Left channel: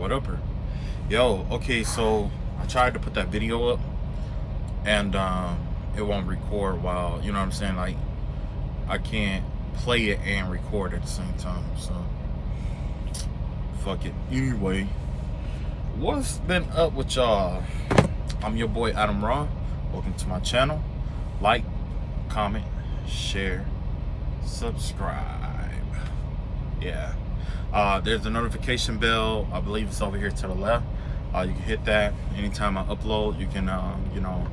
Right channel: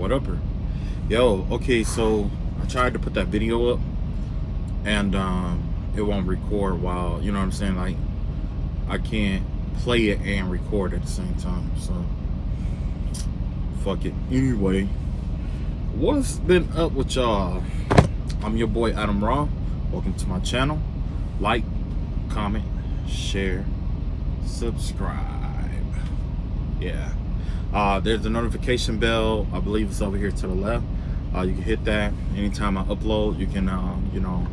What up, her? Yo, okay, so I tried to put that video up and it won't record while, you know what I'm saying? Like, I can't play it and record at the same time, so fuck it. Anyway, what's been up with y'all? I'm your boy Adam Raw. Welcome to my channel. Like, comment, share, subscribe. Yeah. There's a notification bell. I believe it's over here to the left. You can hit that anytime I upload. You can you know,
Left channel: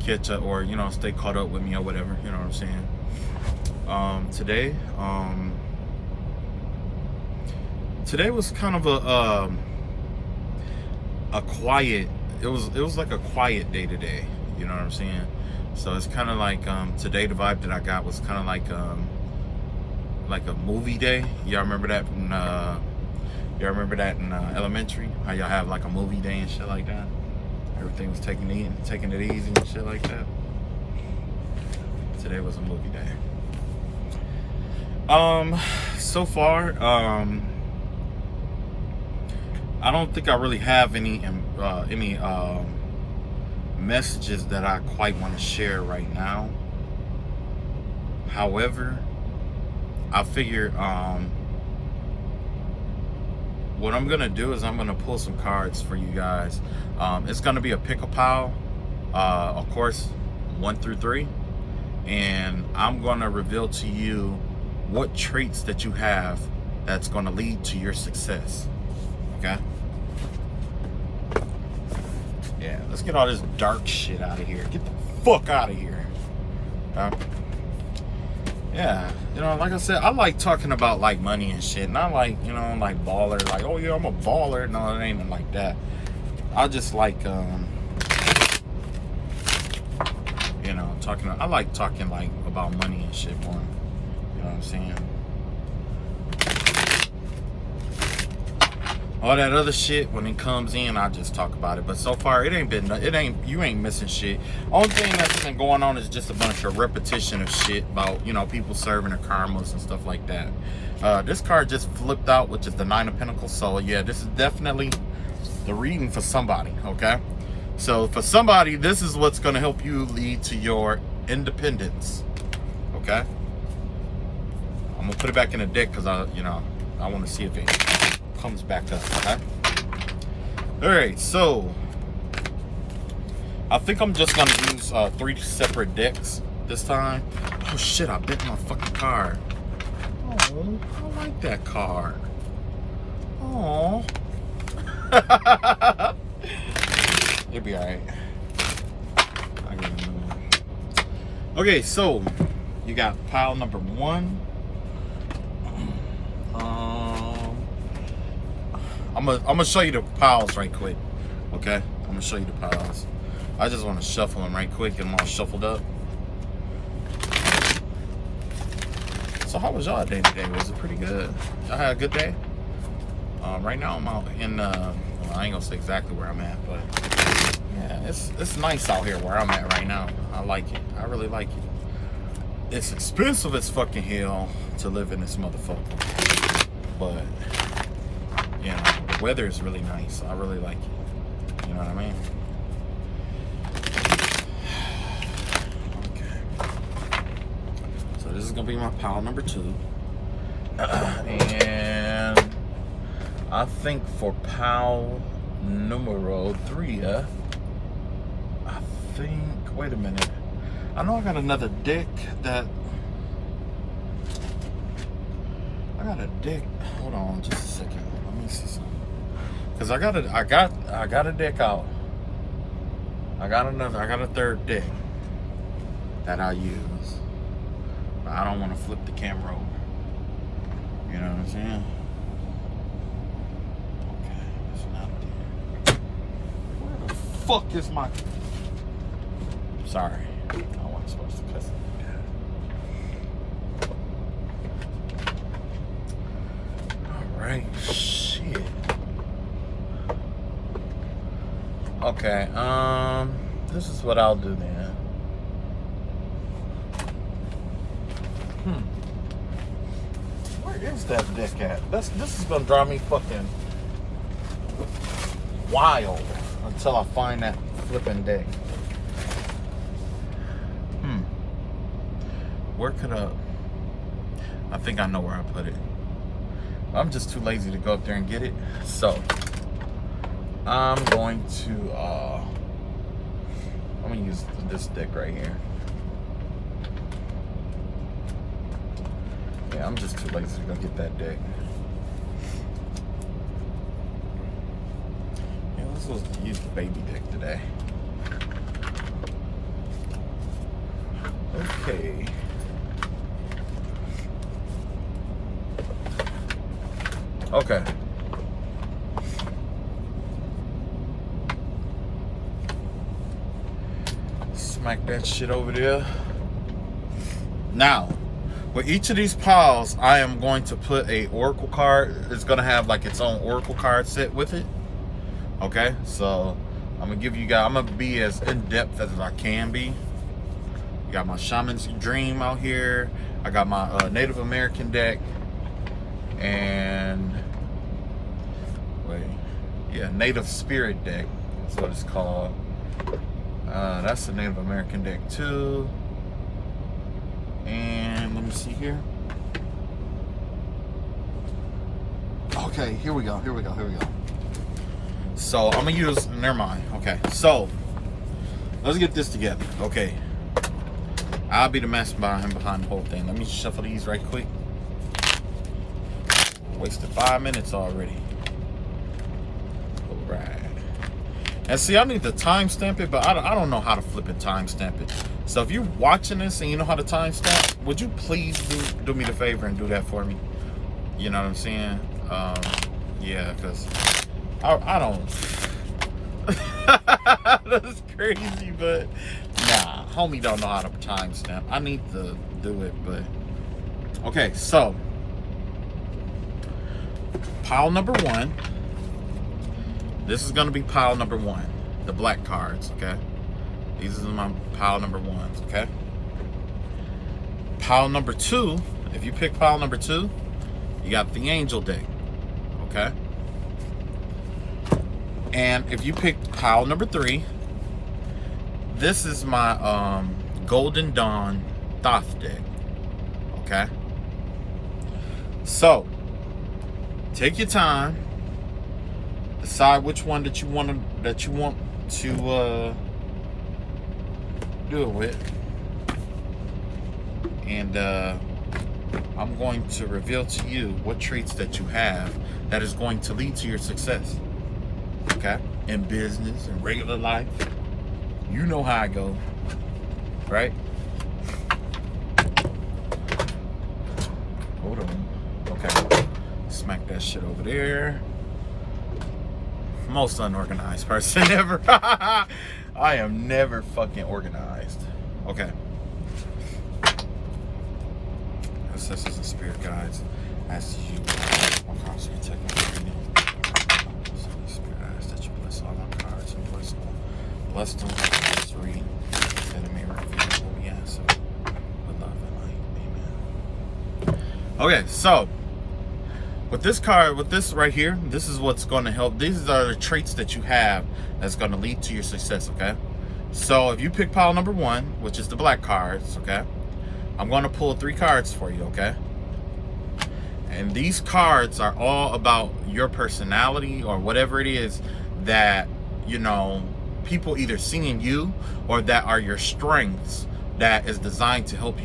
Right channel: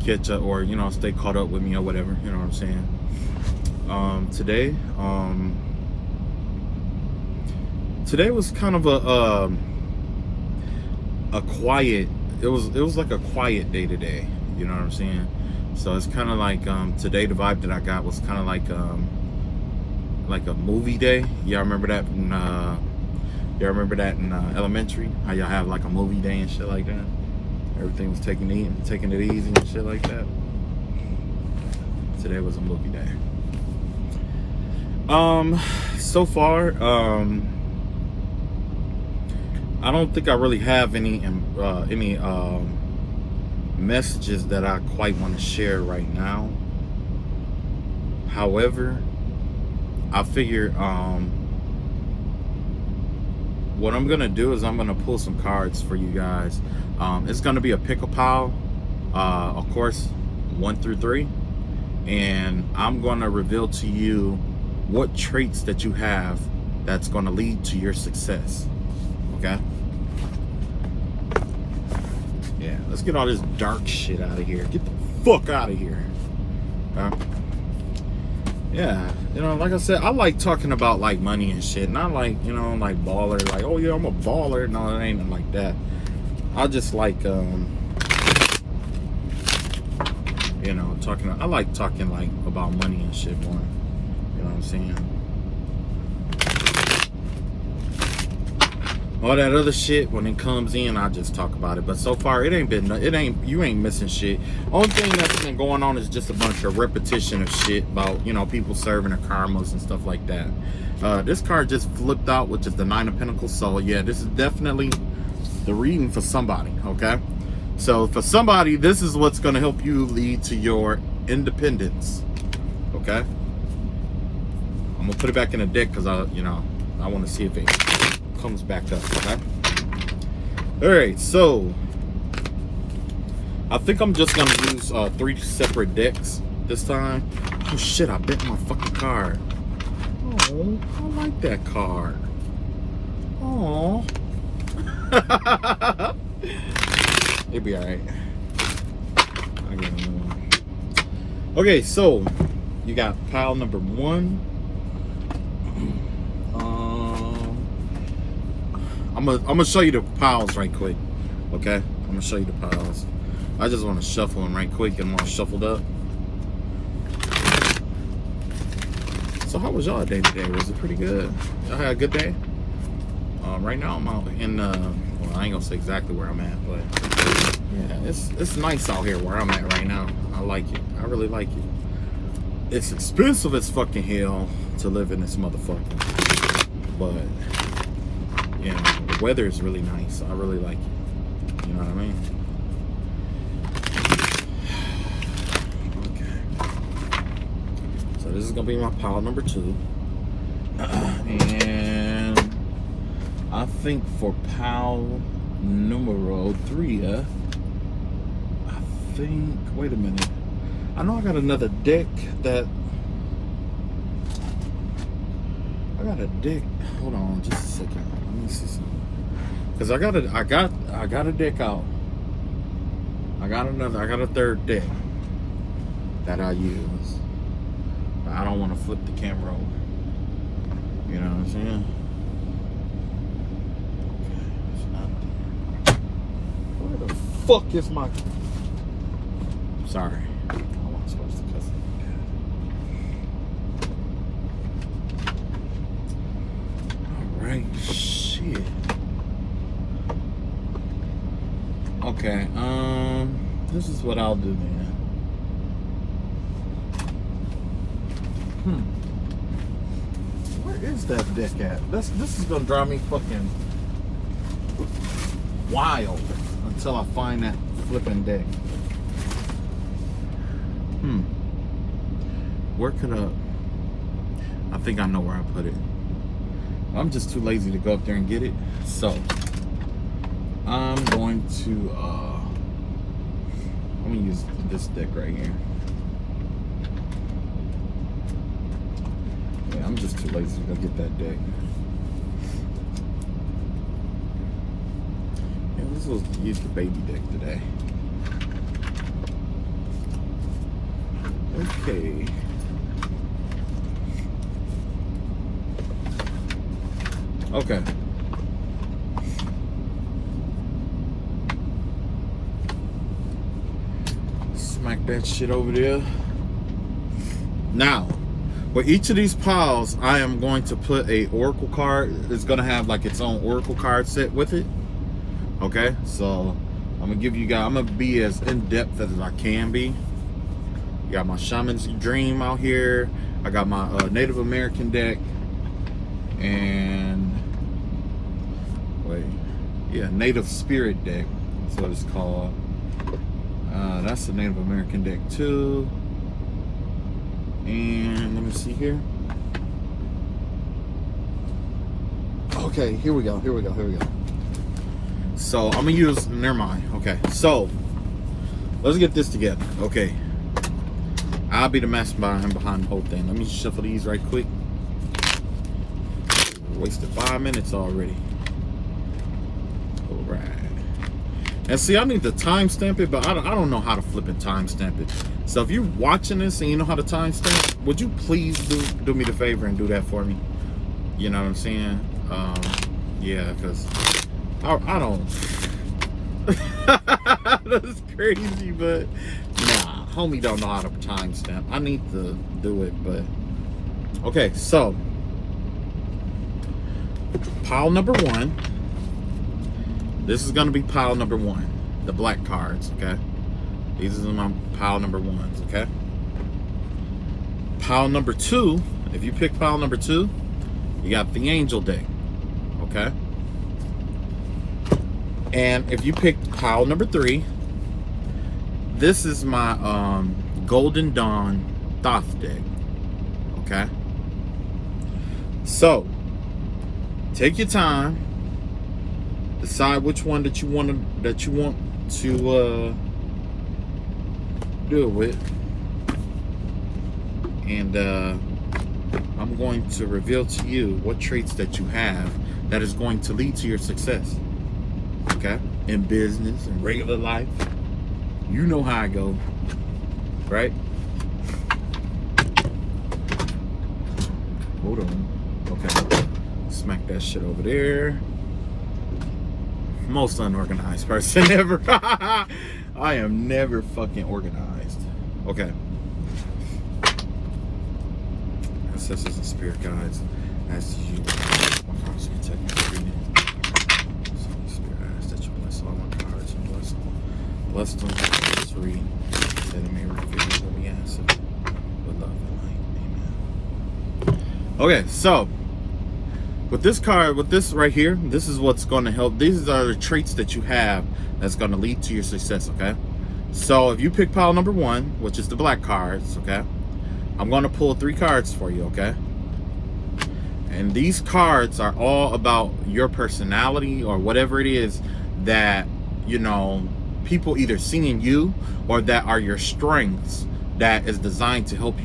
catch up or, you know, stay caught up with me or whatever, you know what I'm saying. Today was kind of a quiet, it was like a quiet day today, you know what I'm saying. So it's kind of like today the vibe that I got was kind of like a movie day. Y'all remember that in elementary, how y'all have like a movie day and shit like that? Everything was taking it easy and shit like that. Today was a movie day. So far, I don't think I really have any messages that I quite want to share right now. However, I figure what I'm gonna do is I'm gonna pull some cards for you guys. It's gonna be a pick-a-pile, of course, 1 through 3, and I'm gonna reveal to you what traits that you have that's gonna lead to your success. Okay? Yeah, let's get all this dark shit out of here. Get the fuck out of here. Yeah, you know, like I said, I like talking about like money and shit. Not like, you know, like baller, like, oh yeah, I'm a baller. No, it ain't like that. I just like, you know, I like talking like about money and shit more. You know what I'm saying? All that other shit, when it comes in, I just talk about it. But so far, you ain't missing shit. Only thing that's been going on is just a bunch of repetition of shit about, you know, people serving their karmas and stuff like that. This card just flipped out, which is the 9 of Pentacles. So yeah, this is definitely the reading for somebody, okay? So for somebody, this is what's gonna help you lead to your independence, okay? I'm gonna put it back in the deck because I want to see if it comes back up, okay? All right, so I think I'm just gonna use 3 separate decks this time. Oh shit, I bent my fucking card. Oh, I like that card. Oh. It'll be all right. I'll get another one. Okay, so you got pile number 1. I'm gonna show you the piles right quick, okay? I'm gonna show you the piles. I just want to shuffle them right quick and all shuffled up. So how was y'all day today? Was it pretty good? Y'all had a good day? Right now I'm out in well, I ain't gonna say exactly where I'm at, but yeah, it's nice out here where I'm at right now. I like it. I really like it. It's expensive as fucking hell to live in this motherfucker, but you know, the weather is really nice. I really like it. You know what I mean? Okay. So this is gonna be my pile number 2. And I think for pile numero 3, I think, wait a minute. I know I got another deck that, I got a deck. Hold on just a second. Let me see something. Cause I got a deck out. I got a 3rd deck that I use. I don't want to flip the camera over. You know what I'm saying? Okay, it's not there. Where the fuck is my? Sorry. I wasn't supposed to test it there. Alright, shit. Okay, this is what I'll do then. Where is that deck at? This is gonna drive me fucking while until I find that flipping deck. Where could I think I know where I put it. I'm just too lazy to go up there and get it. So I'm going to I'm gonna use this deck right here. Yeah, I'm just too lazy to go get that deck. Yeah, let's use the baby deck today. Okay. Okay. Smack that shit over there. Now, with each of these piles, I am going to put a oracle card. It's gonna have like its own oracle card set with it. Okay, so I'm gonna give you guys, I'm gonna be as in-depth as I can be. Got my Shaman's Dream out here. I got my Native American deck. And Native Spirit deck. That's what it's called. That's the Native American deck too. And let me see here. Okay, here we go. So I'm gonna use, never mind. Okay, so let's get this together. Okay, I'll be the mastermind behind the whole thing. Let me shuffle these right quick. Wasted 5 minutes already. All right. And see, I need to timestamp it, but I don't know how to flip and timestamp it. So if you're watching this and you know how to timestamp, would you please do me the favor and do that for me? You know what I'm saying? Yeah, because I don't. That's crazy, but nah, homie don't know how to timestamp. I need to do it, but okay. So pile number 1. This is gonna be pile number 1, the black cards. Okay, these are my pile number 1s. Okay, pile number 2. If you pick pile number 2, you got the angel deck. Okay, and if you pick pile number 3, this is my Golden Dawn Thoth deck. Okay, so take your time, decide which one that you want to do it with, and I'm going to reveal to you what traits that you have that is going to lead to your success. Okay, in business and regular life, you know how I go, right? Hold on. Okay, smack that shit over there. Most unorganized person ever. I am never fucking organized. Okay. Ancestors and spirit guides, as you one cards you take every day. Spirit guides that you bless all my cards and bless them. Just read that it may reveal what we answer with love and light. Amen. Okay, so with this card, with this right here, this is what's going to help. These are the traits that you have that's going to lead to your success. Okay, so if you pick pile number 1, which is the black cards, okay, I'm going to pull 3 cards for you. Okay, and these cards are all about your personality or whatever it is that, you know, people either see in you or that are your strengths that is designed to help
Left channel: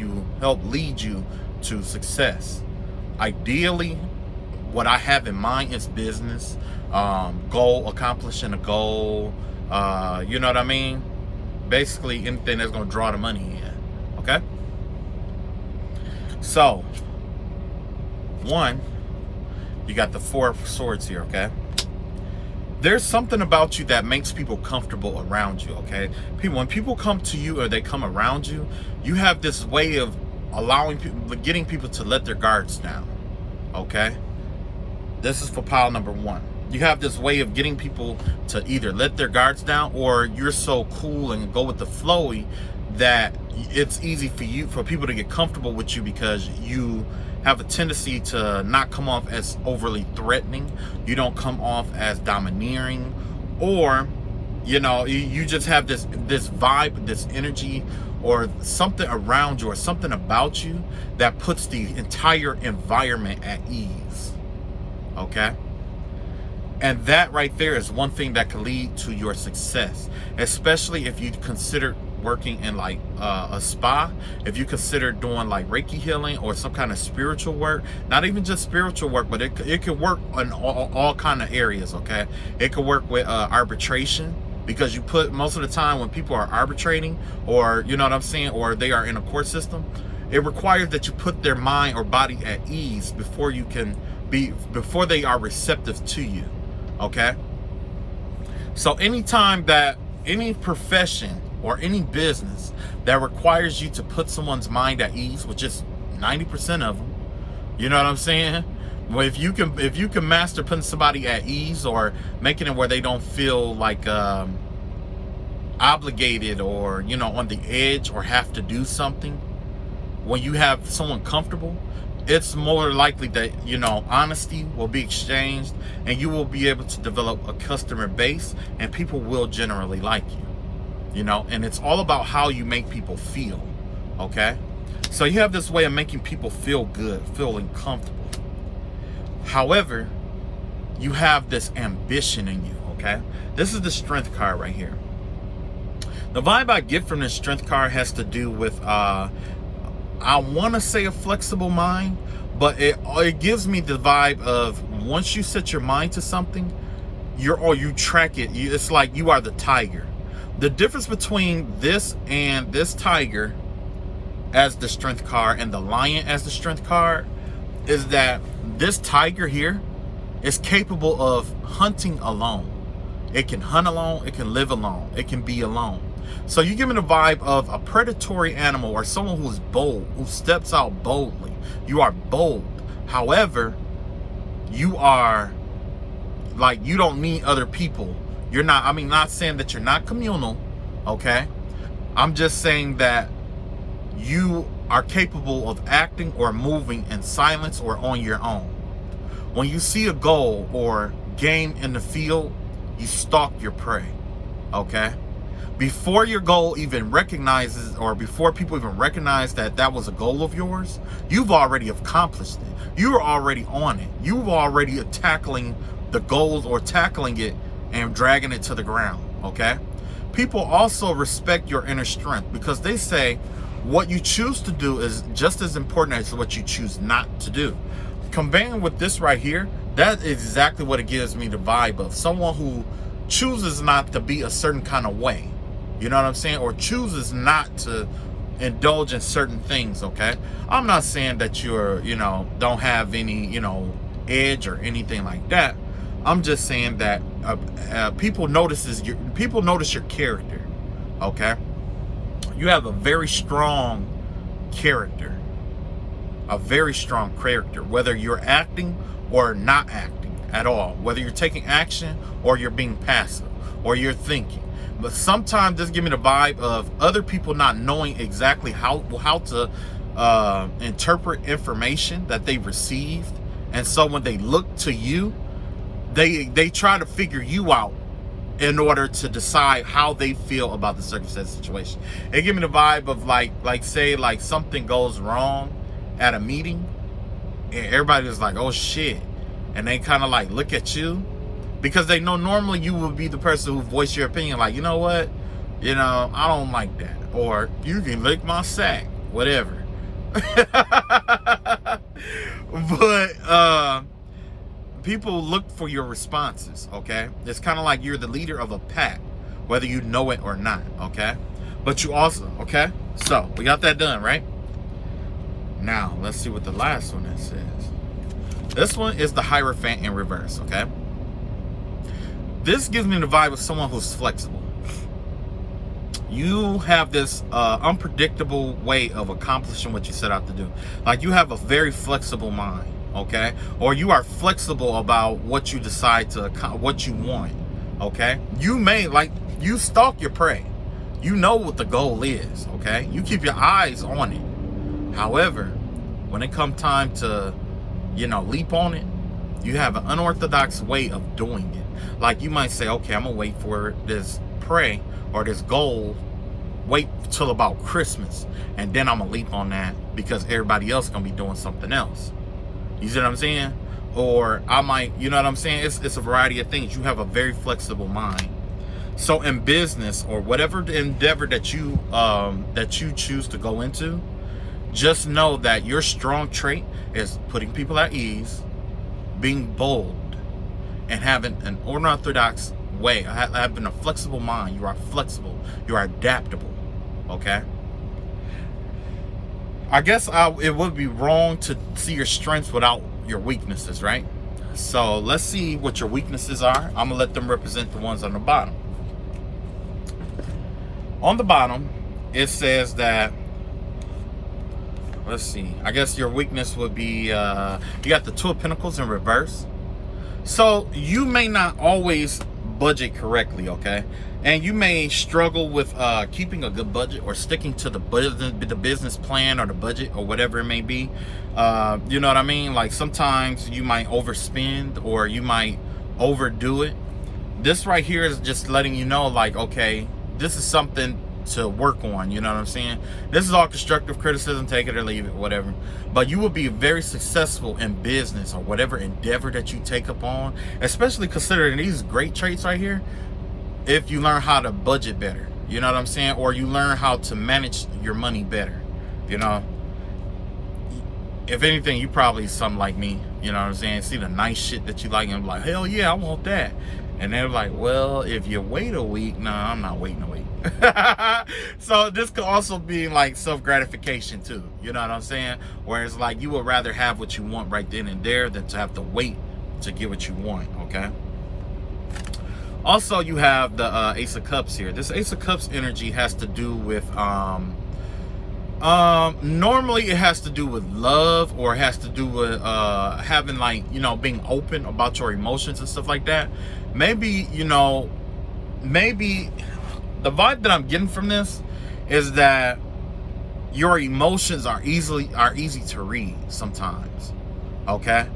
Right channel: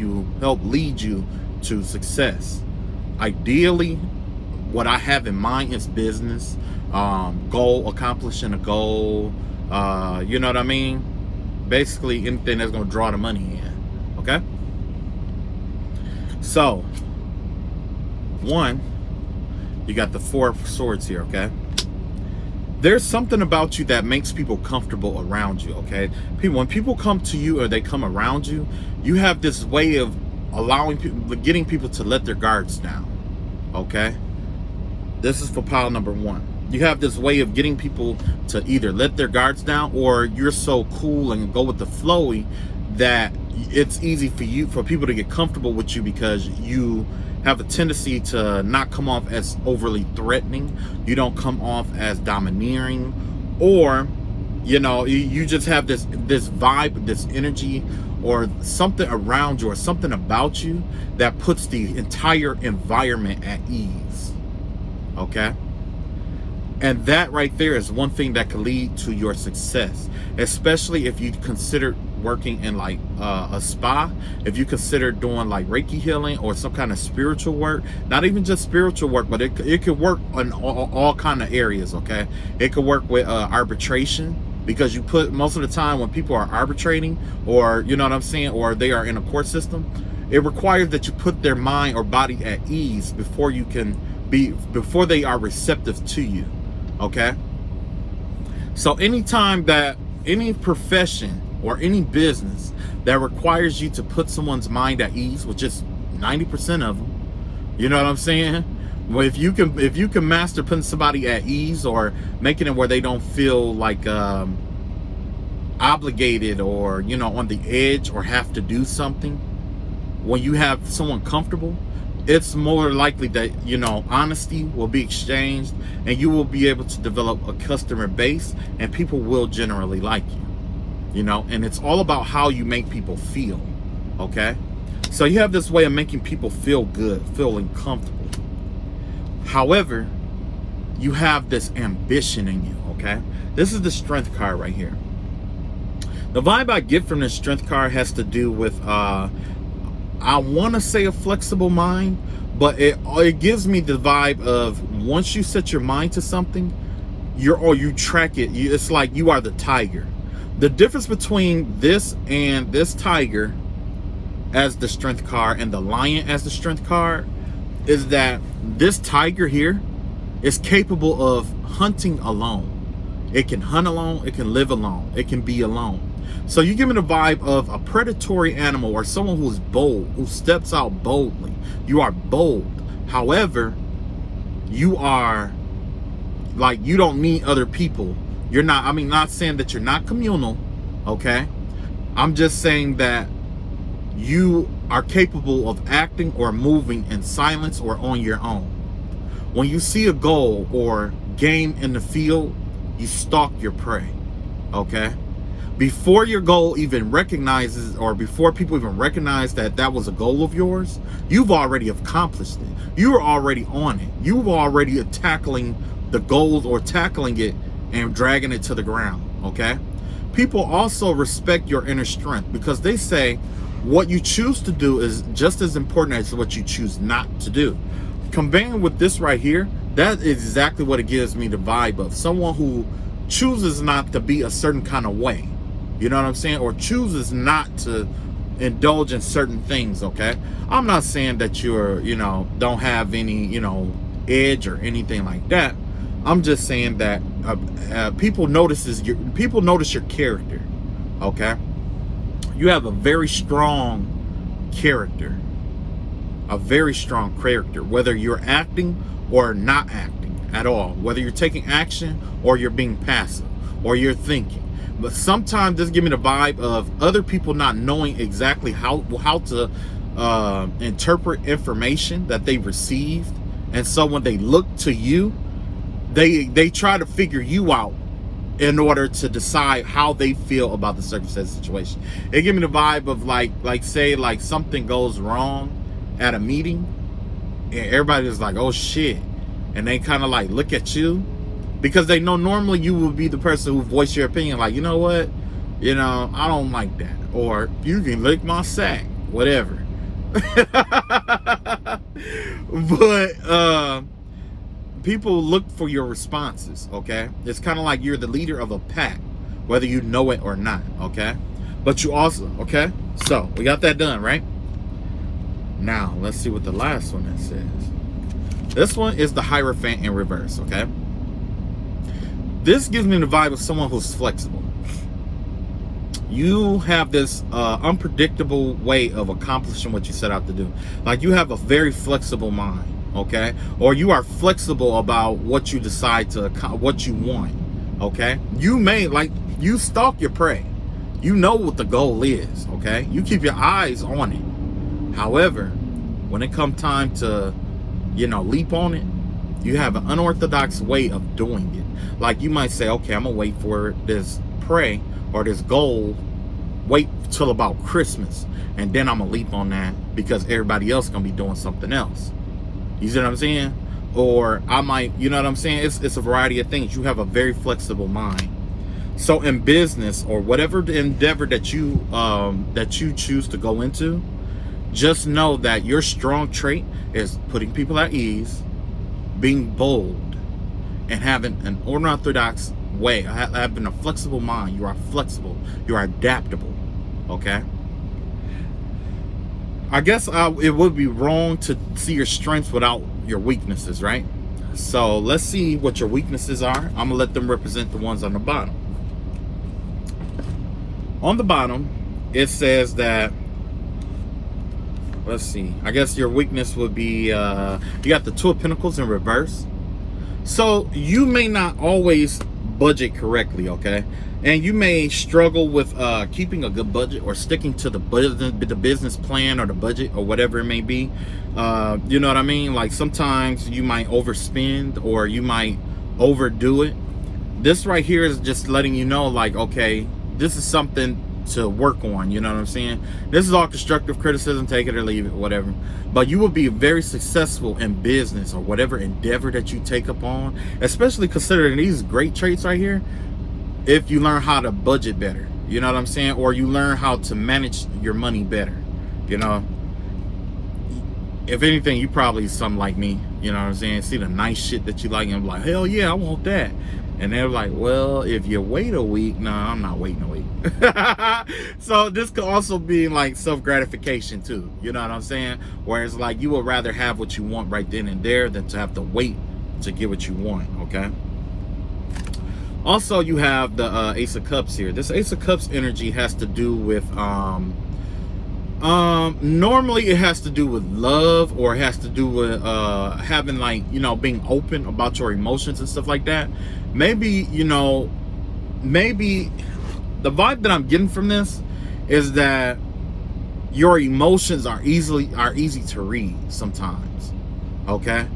lead you to success. Ideally, what I have in mind is business, accomplishing a goal, you know what I mean? Basically anything that's gonna draw the money in, okay? So, 1, you got the 4 of Swords here, okay? There's something about you that makes people comfortable around you, okay? When people come to you or they come around you, you have this way of allowing people, getting people to let their guards down, okay? This is for pile number 1. You have this way of getting people to either let their guards down, or you're so cool and go with the flowy that it's easy for people to get comfortable with you because you have a tendency to not come off as overly threatening. You don't come off as domineering or you just have this vibe, this energy, or something around you, or something about you that puts the entire environment at ease. Okay? And that right there is one thing that can lead to your success, especially if you consider working in like a spa, if you consider doing like Reiki healing or some kind of spiritual work. Not even just spiritual work, but it could work in all kind of areas. Okay? It could work with arbitration, because you put, most of the time when people are arbitrating, or you know what I'm saying, or they are in a court system, it requires that you put their mind or body at ease before they are receptive to you. Okay? So anytime that any profession or any business that requires you to put someone's mind at ease, which is 90% of them, you know what I'm saying? Well, if you can master putting somebody at ease, or making it where they don't feel like obligated, or on the edge, or have to do something, when you have someone comfortable, it's more likely that honesty will be exchanged, and you will be able to develop a customer base, and people will generally like you. And it's all about how you make people feel. Okay? So you have this way of making people feel good, feeling comfortable. However, you have this ambition in you. Okay? This is the Strength card right here. The vibe I get from this Strength card has to do with I want to say a flexible mind, but it gives me the vibe of, once you set your mind to something, you track it. It's like you are the tiger. The difference between this and this tiger as the Strength card and the lion as the Strength card is that this tiger here is capable of hunting alone. It can hunt alone, it can live alone, it can be alone. So you give me the vibe of a predatory animal, or someone who is bold, who steps out boldly. You are bold. However, you are like, you don't need other people. You're not, not saying that you're not communal, okay? I'm just saying that you are capable of acting or moving in silence or on your own. When you see a goal or game in the field, you stalk your prey, okay? Before your goal even recognizes, or before people even recognize that that was a goal of yours, you've already accomplished it. You are already on it. You've already tackling the goals, or tackling it and dragging it to the ground, okay? People also respect your inner strength, because they say what you choose to do is just as important as what you choose not to do. Conveying with this right here, that is exactly what it gives me the vibe of someone who chooses not to be a certain kind of way. You know what I'm saying? Or chooses not to indulge in certain things, okay? I'm not saying that you're, don't have any, edge or anything like that. I'm just saying that people notice your character, okay? You have a very strong character. A very strong character, whether you're acting or not acting at all, whether you're taking action or you're being passive or you're thinking. But sometimes this gives me the vibe of other people not knowing exactly how to interpret information that they received, and so when they look to you, they try to figure you out in order to decide how they feel about the circumstance situation. It gives me the vibe of like say something goes wrong at a meeting, and everybody's like, oh shit, and they kind of like look at you, because they know normally you would be the person who voice your opinion, like, you know what, I don't like that, or you can lick my sack, whatever. But people look for your responses, okay? It's kind of like you're the leader of a pack, whether you know it or not, okay? But you also, okay? So we got that done, right? Now, let's see what the last one says. This one is the Hierophant in reverse, okay? This gives me the vibe of someone who's flexible. You have this unpredictable way of accomplishing what you set out to do. Like, you have a very flexible mind, okay? Or you are flexible about what you decide to, what you want, okay? You may, you stalk your prey. You know what the goal is, okay? You keep your eyes on it. However, when it comes time to, leap on it, You have an unorthodox way of doing it. Like you might say, okay, I'm gonna wait for this prey or this goal, wait till about Christmas, and then I'm gonna leap on that because everybody else gonna be doing something else. You see what I'm saying? Or I might, you know what I'm saying? It's a variety of things. You have a very flexible mind. So in business or whatever the endeavor that you choose to go into, just know that your strong trait is putting people at ease, being bold, and having an unorthodox way, having a flexible mind. You are flexible. You are adaptable. Okay? I guess it would be wrong to see your strengths without your weaknesses, right? So let's see what your weaknesses are. I'm gonna let them represent the ones on the bottom. On the bottom, it says that, let's see, I guess your weakness would be, you got the Two of Pentacles in reverse. So you may not always budget correctly, okay? And you may struggle with keeping a good budget or sticking to the business plan or the budget or whatever it may be. You know what I mean? Like sometimes you might overspend or you might overdo it. This right here is just letting you know, like, okay, this is something to work on. You know what I'm saying? This is all constructive criticism, take it or leave it, whatever. But you will be very successful in business or whatever endeavor that you take up on, especially considering these great traits right here, if you learn how to budget better. You know what I'm saying? Or you learn how to manage your money better. You know, if anything, you probably something like me. You know what I'm saying? See the nice shit that you like and I'm like, hell yeah, I want that. And they're like, well, if you wait a week, no, I'm not waiting a week. So this could also be like self-gratification too. You know what I'm saying? Whereas like you would rather have what you want right then and there than to have to wait to get what you want, okay? Also, you have the Ace of Cups here. This Ace of Cups energy has to do with, normally it has to do with love, or it has to do with having, like, you know, being open about your emotions and stuff like that. Maybe, you know, maybe the vibe that I'm getting from this is that your emotions are easy to read sometimes. Okay,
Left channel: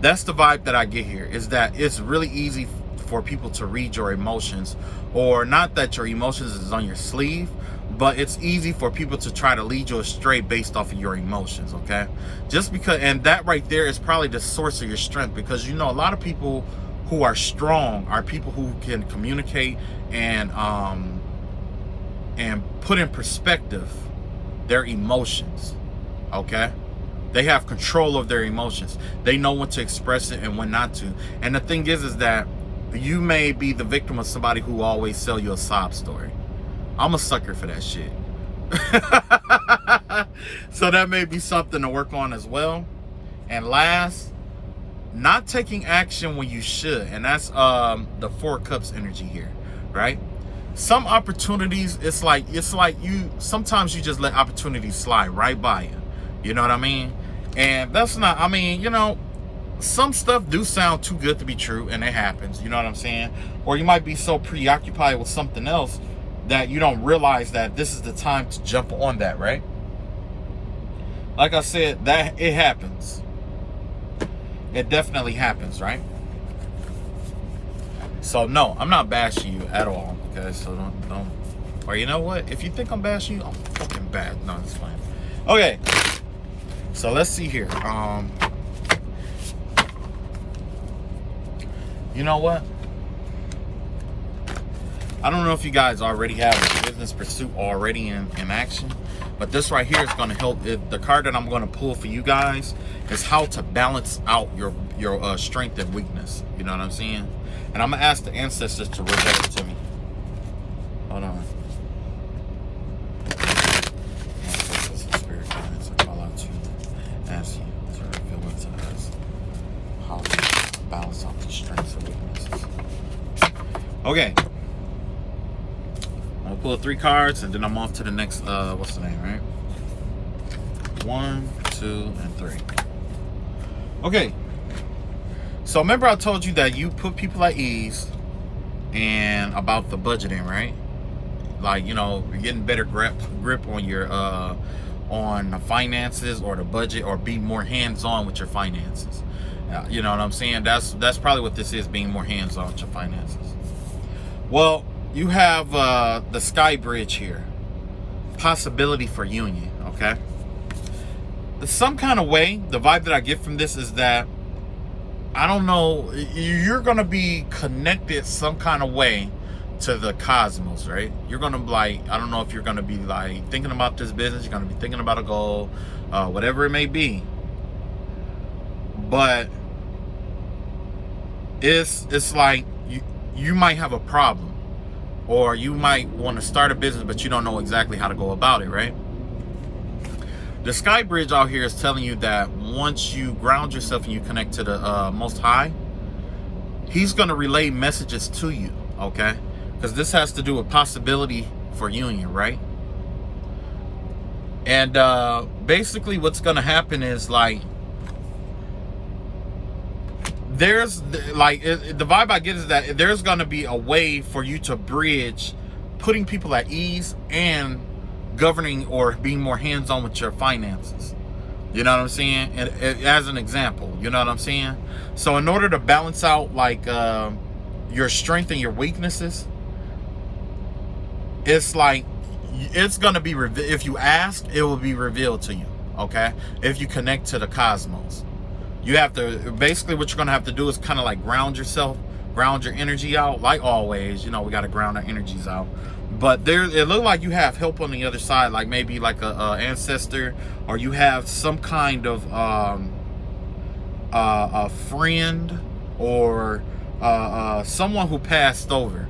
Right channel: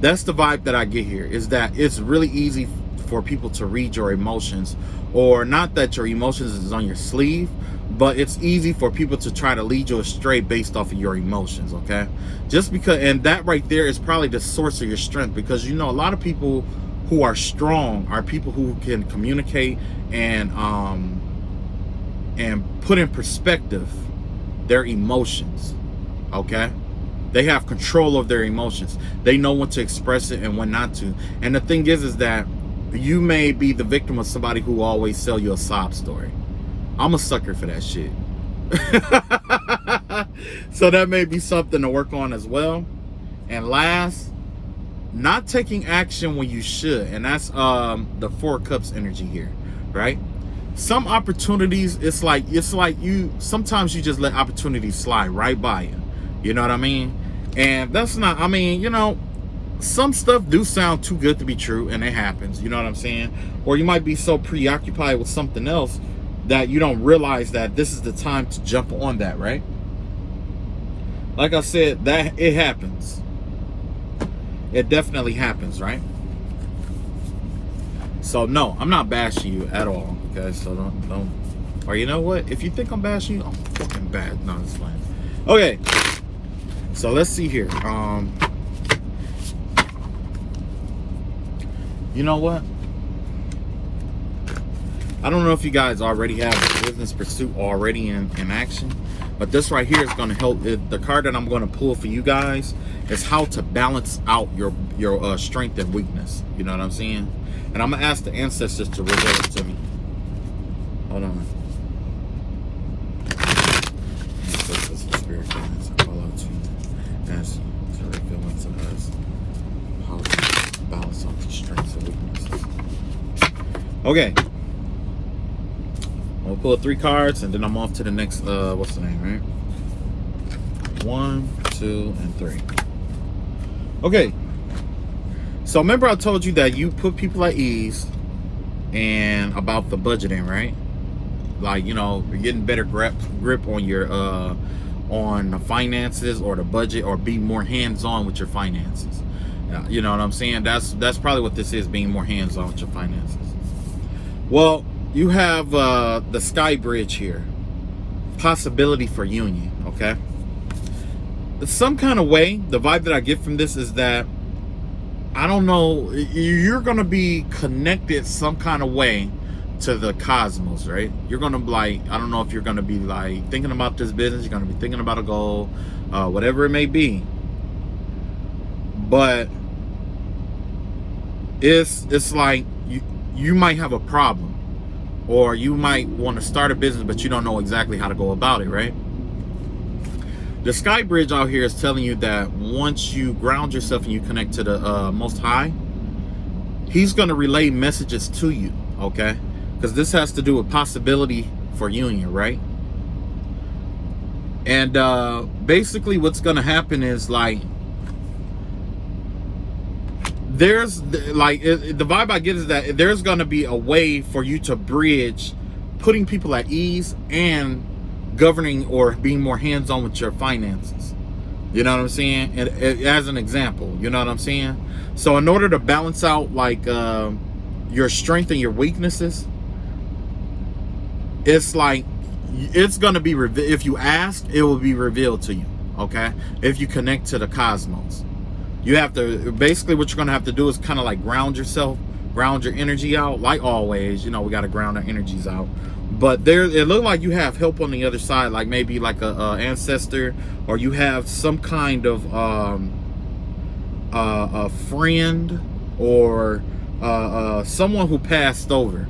that's the vibe that I get here, is that it's really easy for people to read your emotions, or not that your emotions is on your sleeve, but it's easy for people to try to lead you astray based off of your emotions. Okay, just because, and that right there is probably the source of your strength, because you know a lot of people who are strong are people who can communicate and put in perspective their emotions. Okay, they have control of their emotions. They know when to express it and when not to. And the thing is that you may be the victim of somebody who always sell you a sob story. I'm a sucker for that shit. So that may be something to work on as well. And last, not taking action when you should. And that's the Four of Cups energy here, right? Some opportunities, it's like you sometimes you just let opportunities slide right by you. You know what I mean? And that's not, I mean, you know, some stuff do sound too good to be true, and it happens. You know what I'm saying? Or you might be so preoccupied with something else that you don't realize that this is the time to jump on that, right? Like I said, that it happens. It definitely happens, right? So no, I'm not bashing you at all, guys. So don't. Or you know what? If you think I'm bashing you, I'm fucking bad. No, it's fine. Okay. So let's see here. You know what? I don't know if you guys already have a business pursuit already in action, but this right here is going to help. The card that I'm going to pull for you guys is how to balance out your strength and weakness. You know what I'm saying? And I'm going to ask the ancestors to reveal it to me. Hold on. Ancestors and spirit guides, I call out to you. Ask you to reveal it to us how to balance out the strengths and weaknesses. Okay. I'm gonna pull 3 cards and then I'm off to the next, what's the name, right? 1, 2, and 3. Okay. So remember I told you that you put people at ease and about the budgeting, right? Like, you know, you're getting better grip on your, on the finances or the budget, or be more hands-on with your finances. You know what I'm saying? That's probably what this is, being more hands-on with your finances. Well, you have the Sky Bridge here. Possibility for union, okay? Some kind of way, the vibe that I get from this is that, I don't know, you're going to be connected some kind of way to the cosmos, right? You're going to be like, I don't know if you're going to be like thinking about this business, you're going to be thinking about a goal, whatever it may be. But it's like you might have a problem, or you might want to start a business, but you don't know exactly how to go about it, right? The Sky Bridge out here is telling you that once you ground yourself and you connect to the Most High, He's going to relay messages to you, okay? Because this has to do with possibility for union, right? And basically what's going to happen is like, there's like, the vibe I get is that there's going to be a way for you to bridge putting people at ease and governing or being more hands-on with your finances. You know what I'm saying? As an example, you know what I'm saying? So in order to balance out like your strength and your weaknesses, it's like, it's going to be, if you ask, it will be revealed to you, okay? If you connect to the cosmos. You have to, basically what you're going to have to do is kind of like ground yourself, ground your energy out. Like always, you know, we got to ground our energies out. But it looks like you have help on the other side, like maybe like a ancestor, or you have some kind of a friend, or someone who passed over,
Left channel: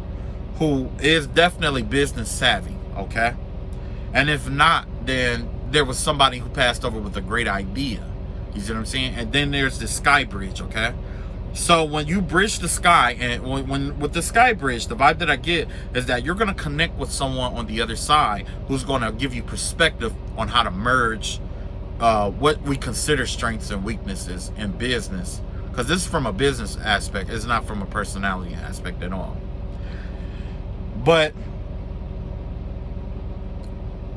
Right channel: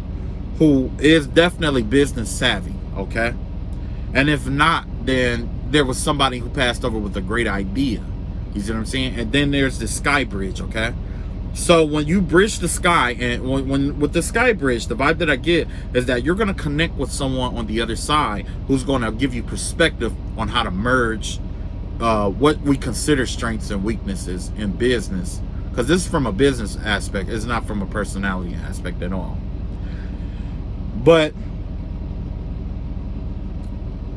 who is definitely business savvy, okay? And if not, then there was somebody who passed over with a great idea. You see what I'm saying? And then there's the Sky Bridge, okay? So when you bridge the sky, and when with the Sky Bridge, the vibe that I get is that you're going to connect with someone on the other side who's going to give you perspective on how to merge what we consider strengths and weaknesses in business. Because this is from a business aspect. It's not from a personality aspect at all. But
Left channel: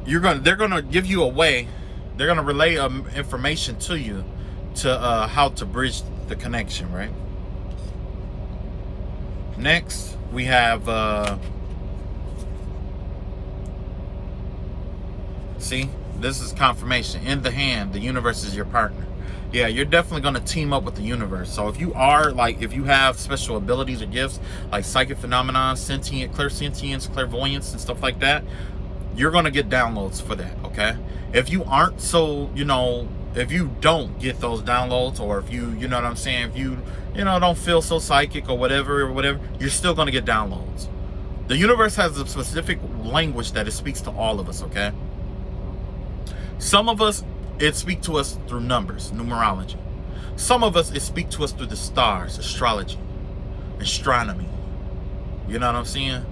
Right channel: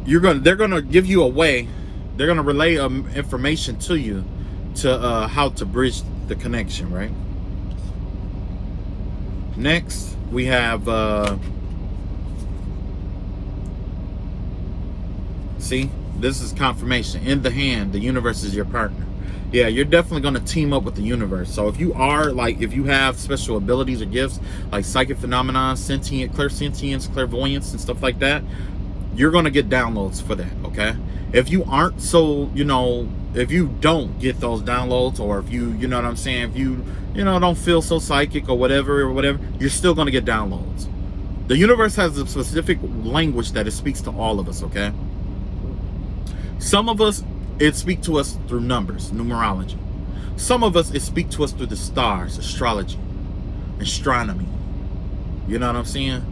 they're going to give you a way. They're going to relay information to you to how to bridge the connection, right? Next, we have, see, this is confirmation. In the hand, the universe is your partner. Yeah, you're definitely going to team up with the universe. So if you are, like, if you have special abilities or gifts, like psychic phenomena, sentient, clairsentience, clairvoyance, and stuff like that, you're going to get downloads for that, okay? If you aren't, so, you know, if you don't get those downloads, or if you know what I'm saying, if you know, don't feel so psychic or whatever, you're still going to get downloads. The universe has a specific language that it speaks to all of us, okay? Some of us, it speaks to us through numbers, numerology. Some of us, it speaks to us through the stars, astrology, astronomy. You know what I'm saying?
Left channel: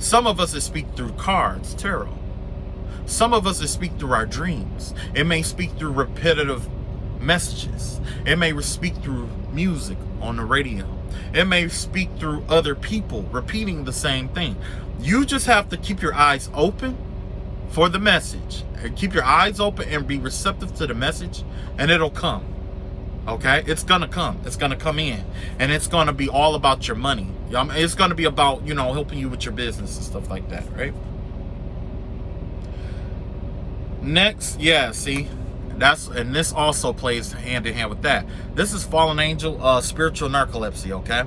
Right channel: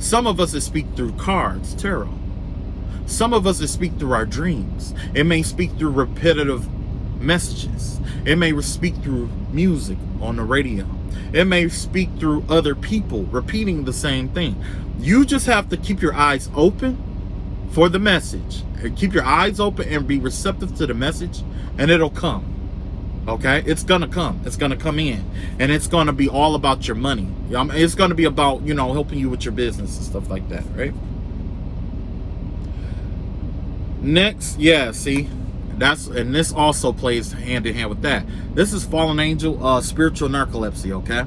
Some of us, it speaks through cards, tarot. Some of us, it speaks through our dreams. It may speak through repetitive messages. It may speak through music on the radio. It may speak through other people repeating the same thing. You just have to keep your eyes open for the message. Keep your eyes open and be receptive to the message, and it'll come. Okay? It's gonna come. It's gonna come in. And it's gonna be all about your money. It's gonna be about, you know, helping you with your business and stuff like that, right? Next, yeah, see, and this also plays hand in hand with that. This is fallen angel, spiritual narcolepsy, okay?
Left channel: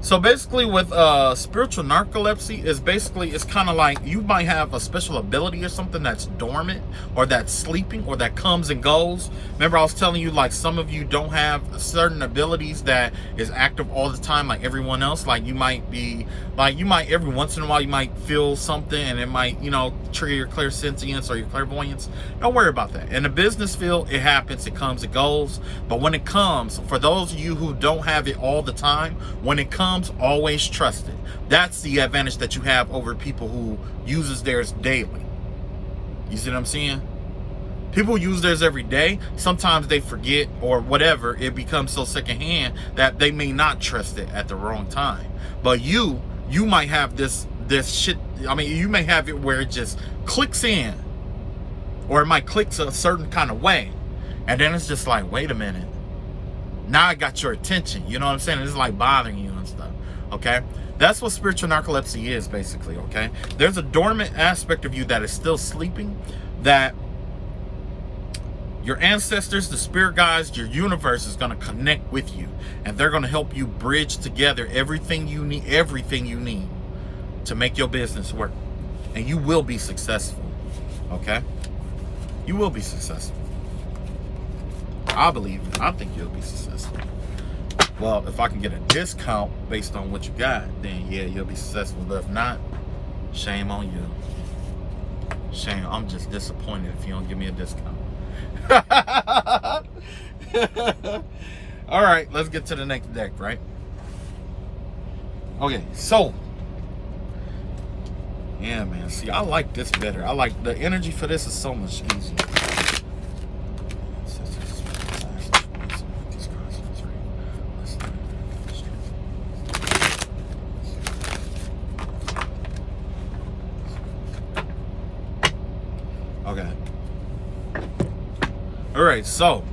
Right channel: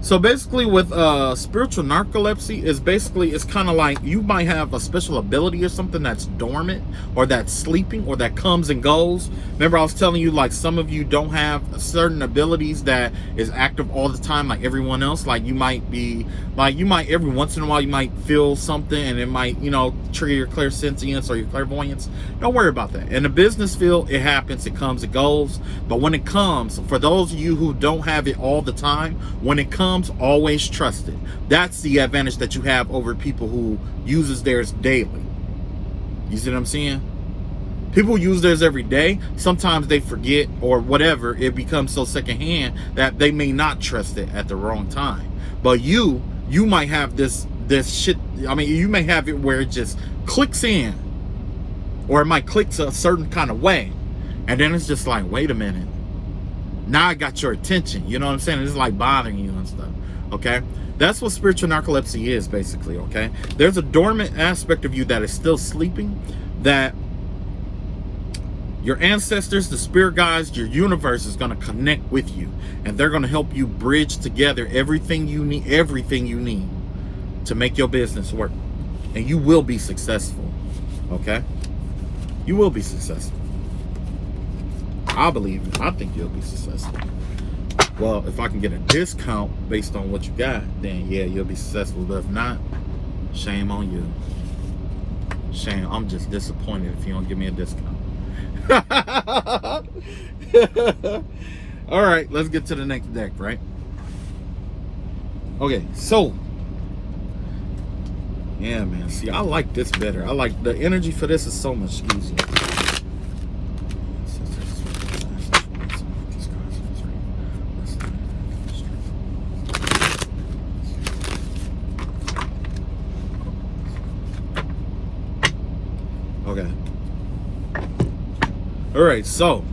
So basically with spiritual narcolepsy, is basically, it's kind of like you might have a special ability or something that's dormant, or that's sleeping, or that comes and goes. Remember I was telling you, like, some of you don't have certain abilities that is active all the time like everyone else. Like you might be, like you might every once in a while you might feel something and it might, you know, trigger your clairsentience or your clairvoyance. Don't worry about that. In the business field, it happens, it comes, it goes. But when it comes, for those of you who don't have it all the time, when it comes, always trust it. That's the advantage that you have over people who uses theirs daily. You see what I'm saying? People who use theirs every day, sometimes they forget or whatever, it becomes so secondhand that they may not trust it at the wrong time. But you might have this shit, I mean, you may have it where it just clicks in, or it might click a certain kind of way, and then it's just like, wait a minute, Now I got your attention. You know what I'm saying? It's like bothering you and stuff. Okay? That's what spiritual narcolepsy is, basically. Okay? There's a dormant aspect of you that is still sleeping, that your ancestors, the spirit guides, your universe is going to connect with you, and they're going to help you bridge together everything you need to make your business work. And you will be successful. Okay? You will be successful. I believe it. I think you'll be successful. Well, if I can get a discount based on what you got, then yeah, you'll be successful. But if not, shame on you. Shame. I'm just disappointed if you don't give me a discount. All right, let's get to the next deck, right? Okay, so yeah, man. See, I like this better. I like the energy for this is so much easier. Okay. All right, so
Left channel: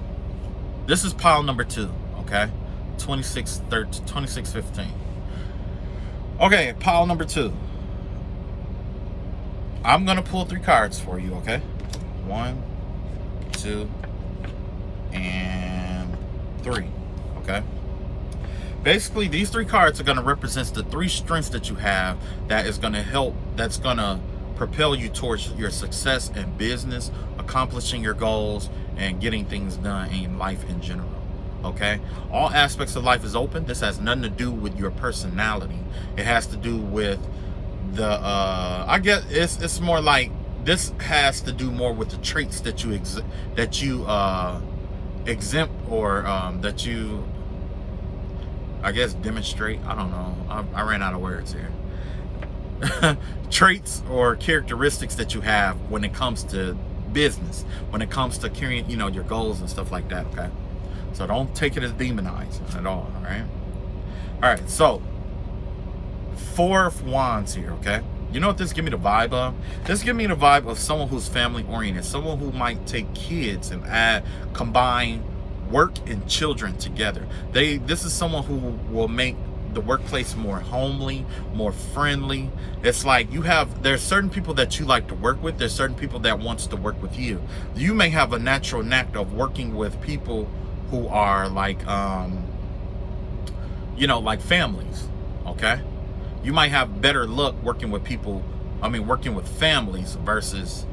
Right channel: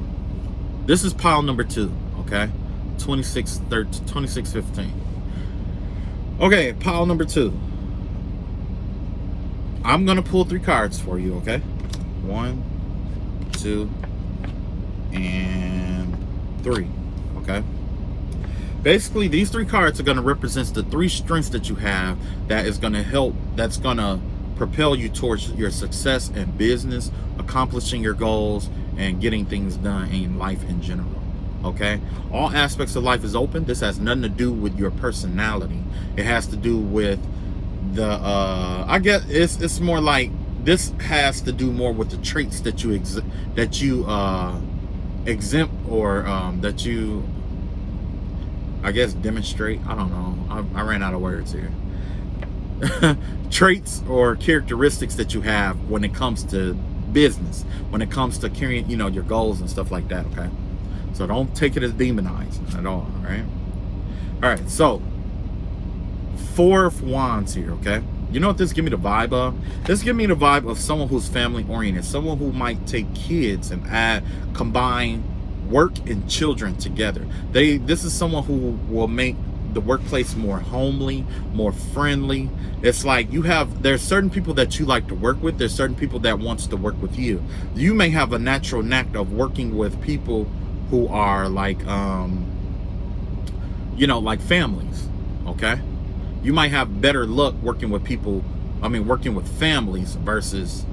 this is pile number 2, okay? 2615. Okay, pile number 2. I'm gonna pull 3 cards for you, okay? 1, 2, and 3, okay? Basically, these 3 cards are gonna represent the 3 strengths that you have that is gonna help, that's gonna propel you towards your success in business, accomplishing your goals, and getting things done in life in general. Okay, all aspects of life is open. This has nothing to do with your personality. It has to do with the I guess it's more like this has to do more with the traits that you exempt or that you, I guess, demonstrate. I don't know, I ran out of words here. Traits or characteristics that you have when it comes to business, when it comes to carrying, you know, your goals and stuff like that. Okay, so don't take it as demonizing at all. All right, so 4 of Wands here. Okay, you know what this give me the vibe of? This give me the vibe of someone who's family oriented, someone who might take kids and combine work and children together. This is someone who will make the workplace more homely, more friendly. It's like there's certain people that you like to work with. There's certain people that wants to work with you. You may have a natural knack of working with people who are like, you know, like families. Okay, you might have better luck working with people. I mean, working with families versus,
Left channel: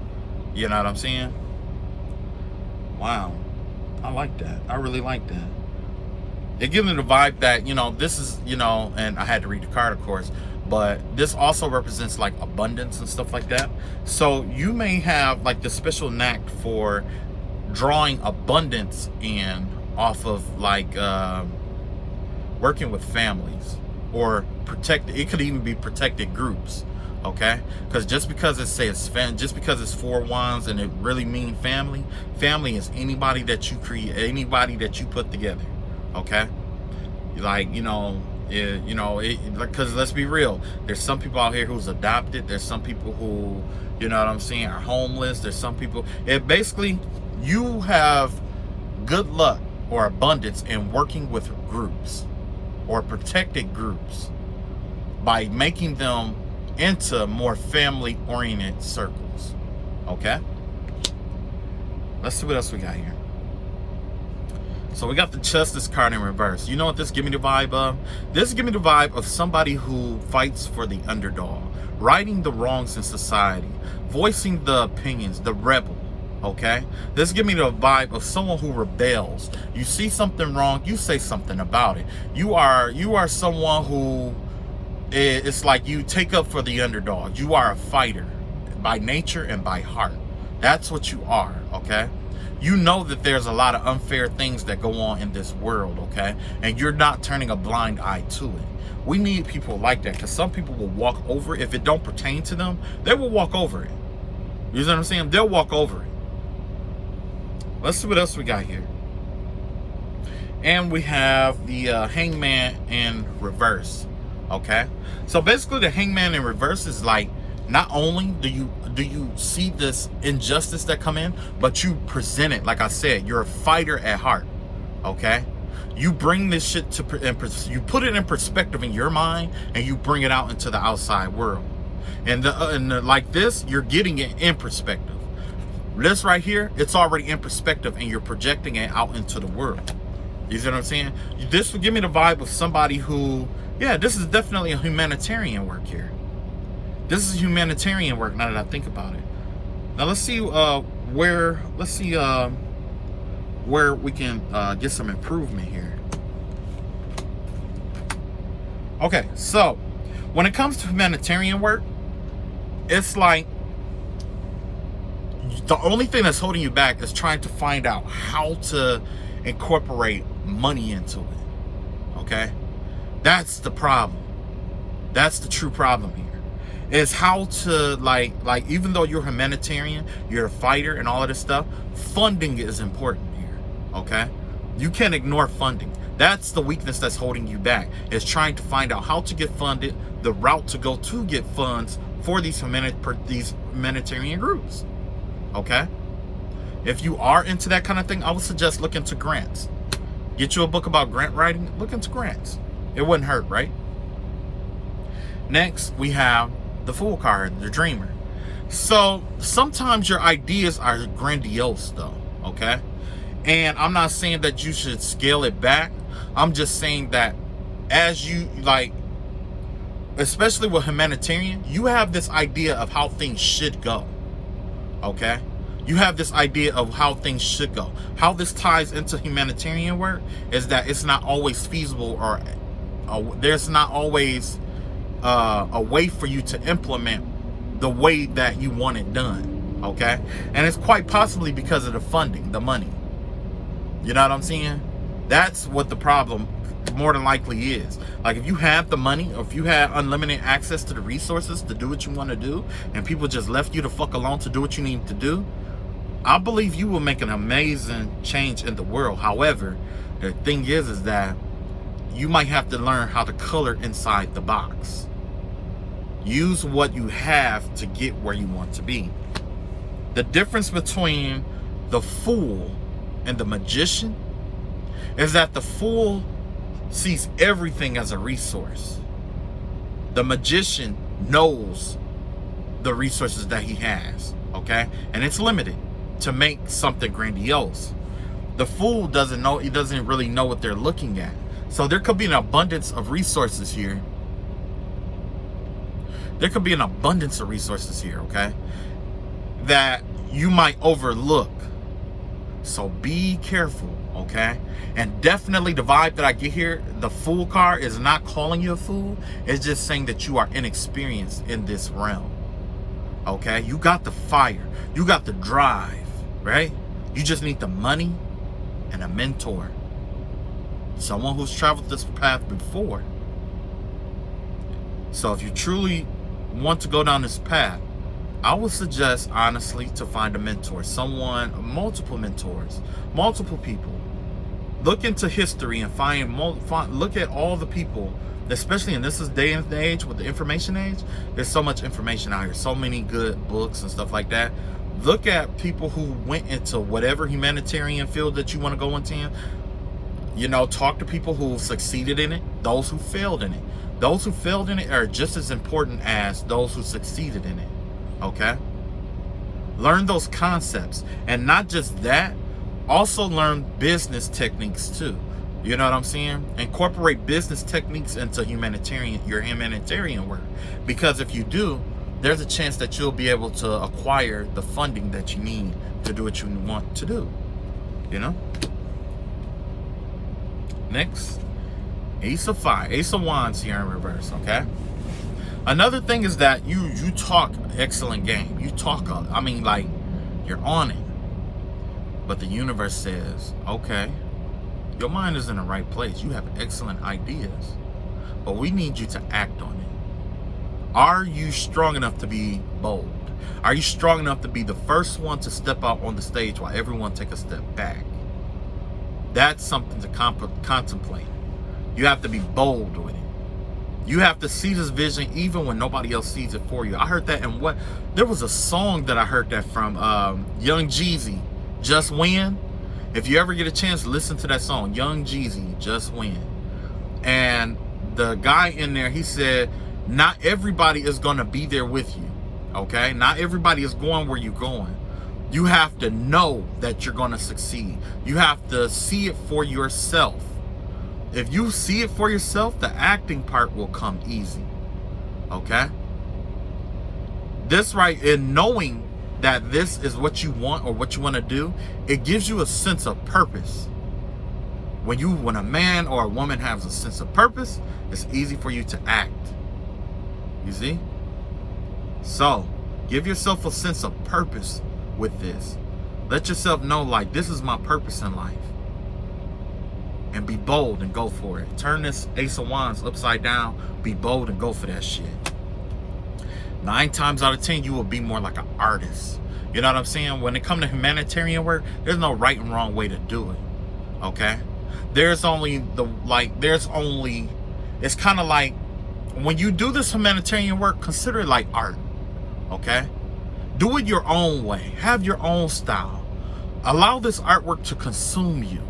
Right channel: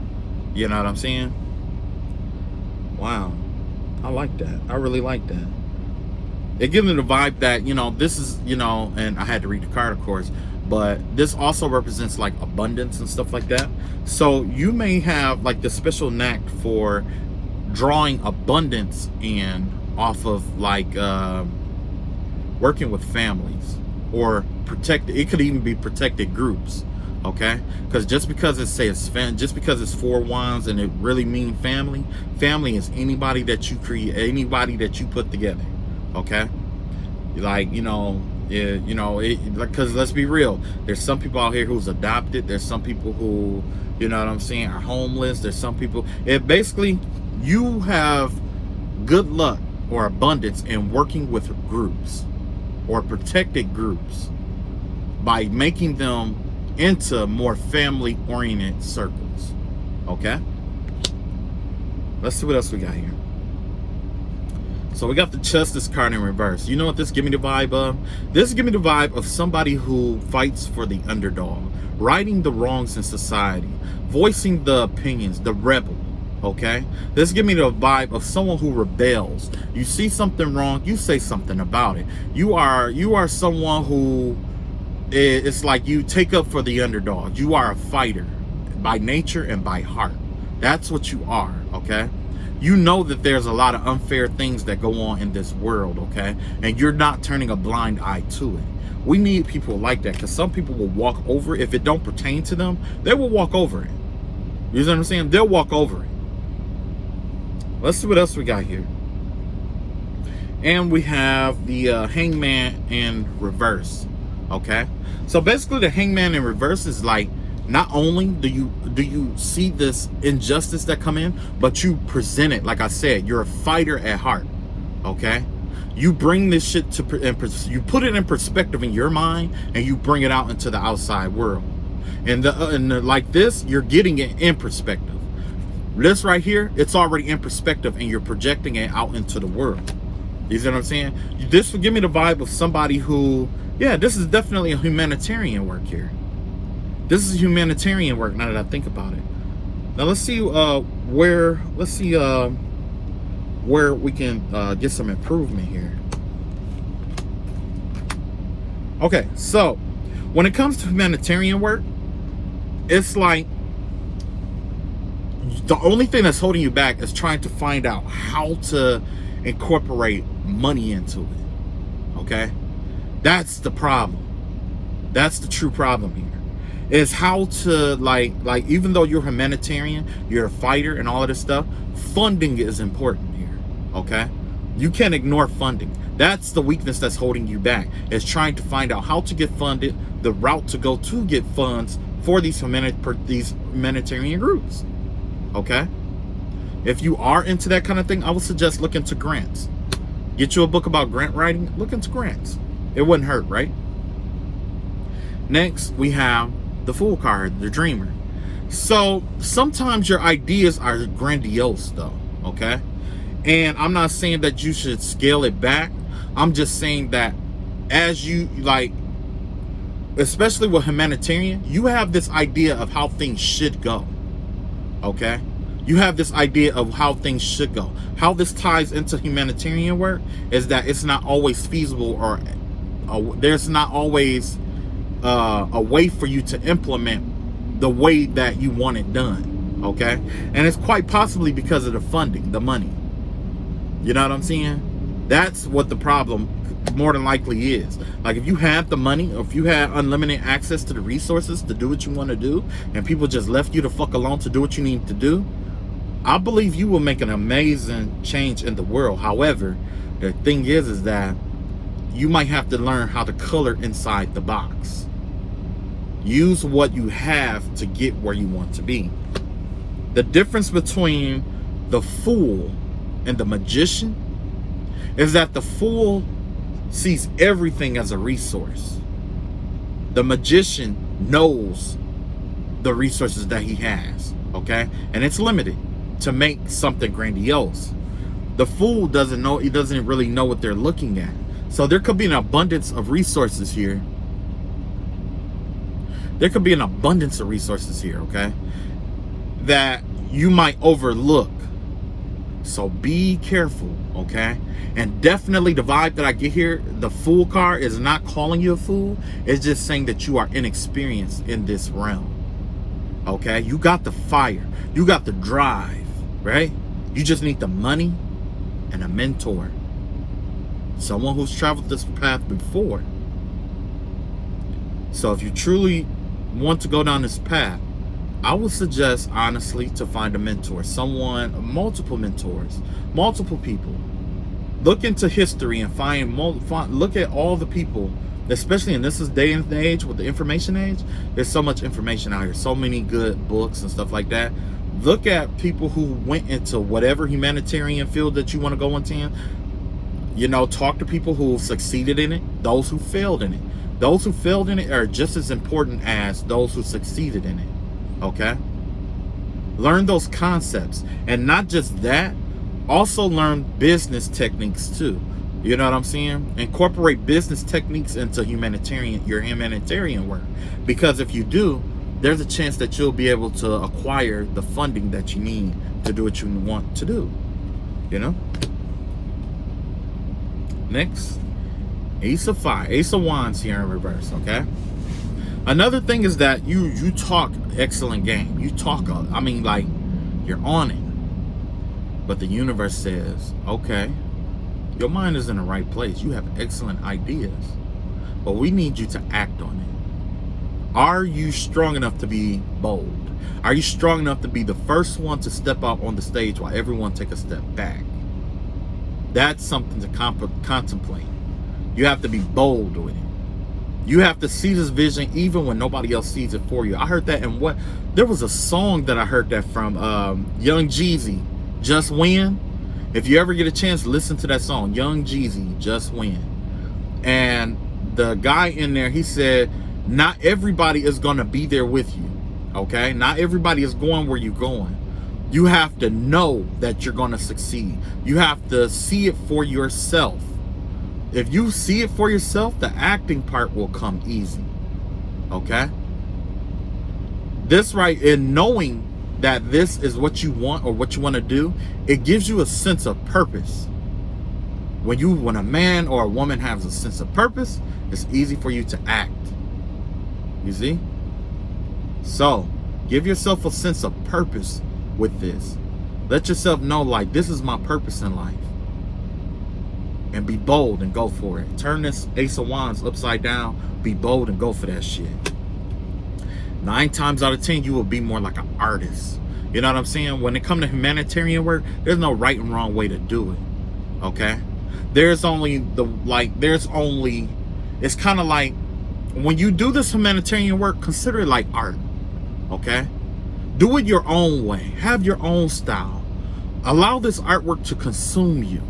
you know what I'm saying? Wow, I like that. I really like that. It gives me the vibe that, you know, this is, you know, and I had to read the card, of course, but this also represents like abundance and stuff like that. So you may have like the special knack for drawing abundance in off of like working with families or it could even be protected groups. Okay, because just because it says just because it's 4 wands and it really means family is anybody that you create, anybody that you put together. Okay, like, you know, because let's be real, there's some people out here who's adopted, there's some people who, you know what I'm saying, are homeless, there's some people, it basically, you have good luck or abundance in working with groups or protected groups by making them into more family oriented circles. Okay, let's see what else we got here. So we got the Justice card in reverse. You know what this give me the vibe of? This give me the vibe of somebody who fights for the underdog, righting the wrongs in society, voicing the opinions, the rebel. Okay, this give me the vibe of someone who rebels. You see something wrong, you say something about it. You are someone who, it's like you take up for the underdog. You are a fighter by nature and by heart. That's what you are. Okay, you know that there's a lot of unfair things that go on in this world, okay? And you're not turning a blind eye to it. We need people like that, because some people will walk over it. If it don't pertain to them, they will walk over it. You know what I'm saying? They'll walk over it. Let's see what else we got here. And we have the Hangman in reverse, okay? So basically the Hangman in reverse is like, not only do you see this injustice that come in, but you present it. Like I said, you're a fighter at heart. Okay, You bring this shit you put it in perspective in your mind, and you bring it out into the outside world. And like this, you're getting it in perspective. This right here, it's already in perspective, and you're projecting it out into the world. You see what I'm saying? This would give me the vibe of somebody who, yeah, this is definitely a humanitarian work here. This is humanitarian work now that I think about it. Now let's see where we can get some improvement here. Okay, so when it comes to humanitarian work, it's like the only thing that's holding you back is trying to find out how to incorporate money into it. Okay, that's the problem. That's the true problem here, is how to like even though you're humanitarian, you're a fighter and all of this stuff, funding is important here. Okay, you can't ignore funding. That's the weakness that's holding you back, is trying to find out how to get funded, the route to go to get funds for these humanitarian groups. Okay, if you are into that kind of thing, I would suggest look into grants. Get you a book about grant writing. Look into grants. It wouldn't hurt, right? Next, we have the Fool card, the Dreamer. So sometimes your ideas are grandiose though, okay? And I'm not saying that you should scale it back. I'm just saying that as you like, especially with humanitarian, you have this idea of how things should go, okay? You have this idea of how things should go. How this ties into humanitarian work is that it's not always feasible, or there's not always a way for you to implement the way that you want it done, okay? And it's quite possibly because of the funding, the money. You know what I'm saying? That's what the problem more than likely is. Like, if you have the money, or if you had unlimited access to the resources to do what you want to do, and people just left you the fuck alone to do what you need to do, I believe you will make an amazing change in the world. However, the thing is that you might have to learn how to color inside the box. Use what you have to get where you want to be. The difference between the fool and the magician is that the fool sees everything as a resource. The magician knows the resources that he has, okay? And it's limited to make something grandiose. The fool doesn't know, he doesn't really know what they're looking at. So there could be an abundance of resources here. There could be an abundance of resources here, okay, that you might overlook. So be careful, okay? And definitely the vibe that I get here, the Fool card is not calling you a fool. It's just saying that you are inexperienced in this realm, okay? You got the fire. You got the drive, right? You just need the money and a mentor. Someone who's traveled this path before. So if you truly want to go down this path, I would suggest, honestly, to find a mentor. Someone, multiple mentors, multiple people. Look into history and look at all the people, especially in this day and age, with the information age. There's so much information out here, so many good books and stuff like that. Look at people who went into whatever humanitarian field that you want to go into. You know, talk to people who succeeded in it, those who failed in it. Those who failed in it are just as important as those who succeeded in it, okay? Learn those concepts. And not just that, also learn business techniques too. You know what I'm saying? Incorporate business techniques into your humanitarian work. Because if you do, there's a chance that you'll be able to acquire the funding that you need to do what you want to do, you know? Next, Ace of Fire, Ace of Wands here in reverse, okay? Another thing is that you talk excellent game. You talk, I mean, like, you're on it. But the universe says, okay, your mind is in the right place. You have excellent ideas, but we need you to act on it. Are you strong enough to be bold? Are you strong enough to be the first one to step out on the stage while everyone take a step back? That's something to contemplate. You have to be bold with it. You have to see this vision even when nobody else sees it for you. I heard that in there was a song that I heard that from Young Jeezy, Just Win. If you ever get a chance, listen to that song, Young Jeezy, Just Win. And the guy in there, he said, not everybody is going to be there with you, okay? Not everybody is going where you're going. You have to know that you're going to succeed. You have to see it for yourself. If you see it for yourself, the acting part will come easy, okay? This right, in knowing that this is what you want or what you want to do, it gives you a sense of purpose. When a man or a woman has a sense of purpose, it's easy for you to act. You see? So, give yourself a sense of purpose with this. Let yourself know, like, this is my purpose in life. And be bold and go for it. Turn this Ace of Wands upside down. Be bold and go for that shit. 9 times out of 10, you will be more like an artist. You know what I'm saying? When it comes to humanitarian work, there's no right and wrong way to do it. Okay? It's kind of like, when you do this humanitarian work, consider it like art. Okay? Do it your own way. Have your own style. Allow this artwork to consume you.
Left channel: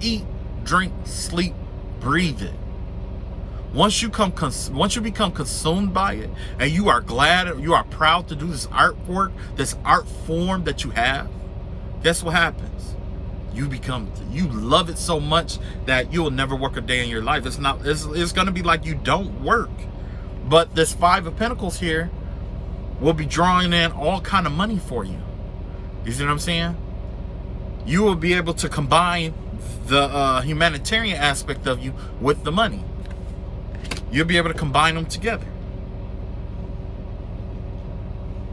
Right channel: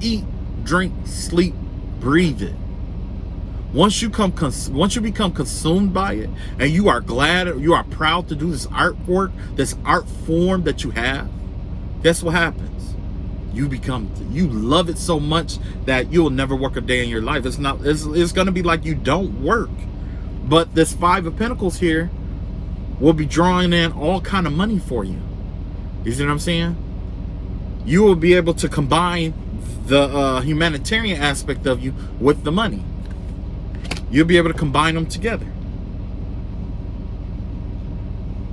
Eat, drink, sleep, breathe it. Once you become consumed by it, and you are proud to do this artwork, this art form that you have, guess what happens? You love it so much that you'll never work a day in your life. It's going to be like you don't work. But this 5 of Pentacles here will be drawing in all kind of money for you. You see what I'm saying? You will be able to combine the humanitarian aspect of you with the money. You'll be able to combine them together.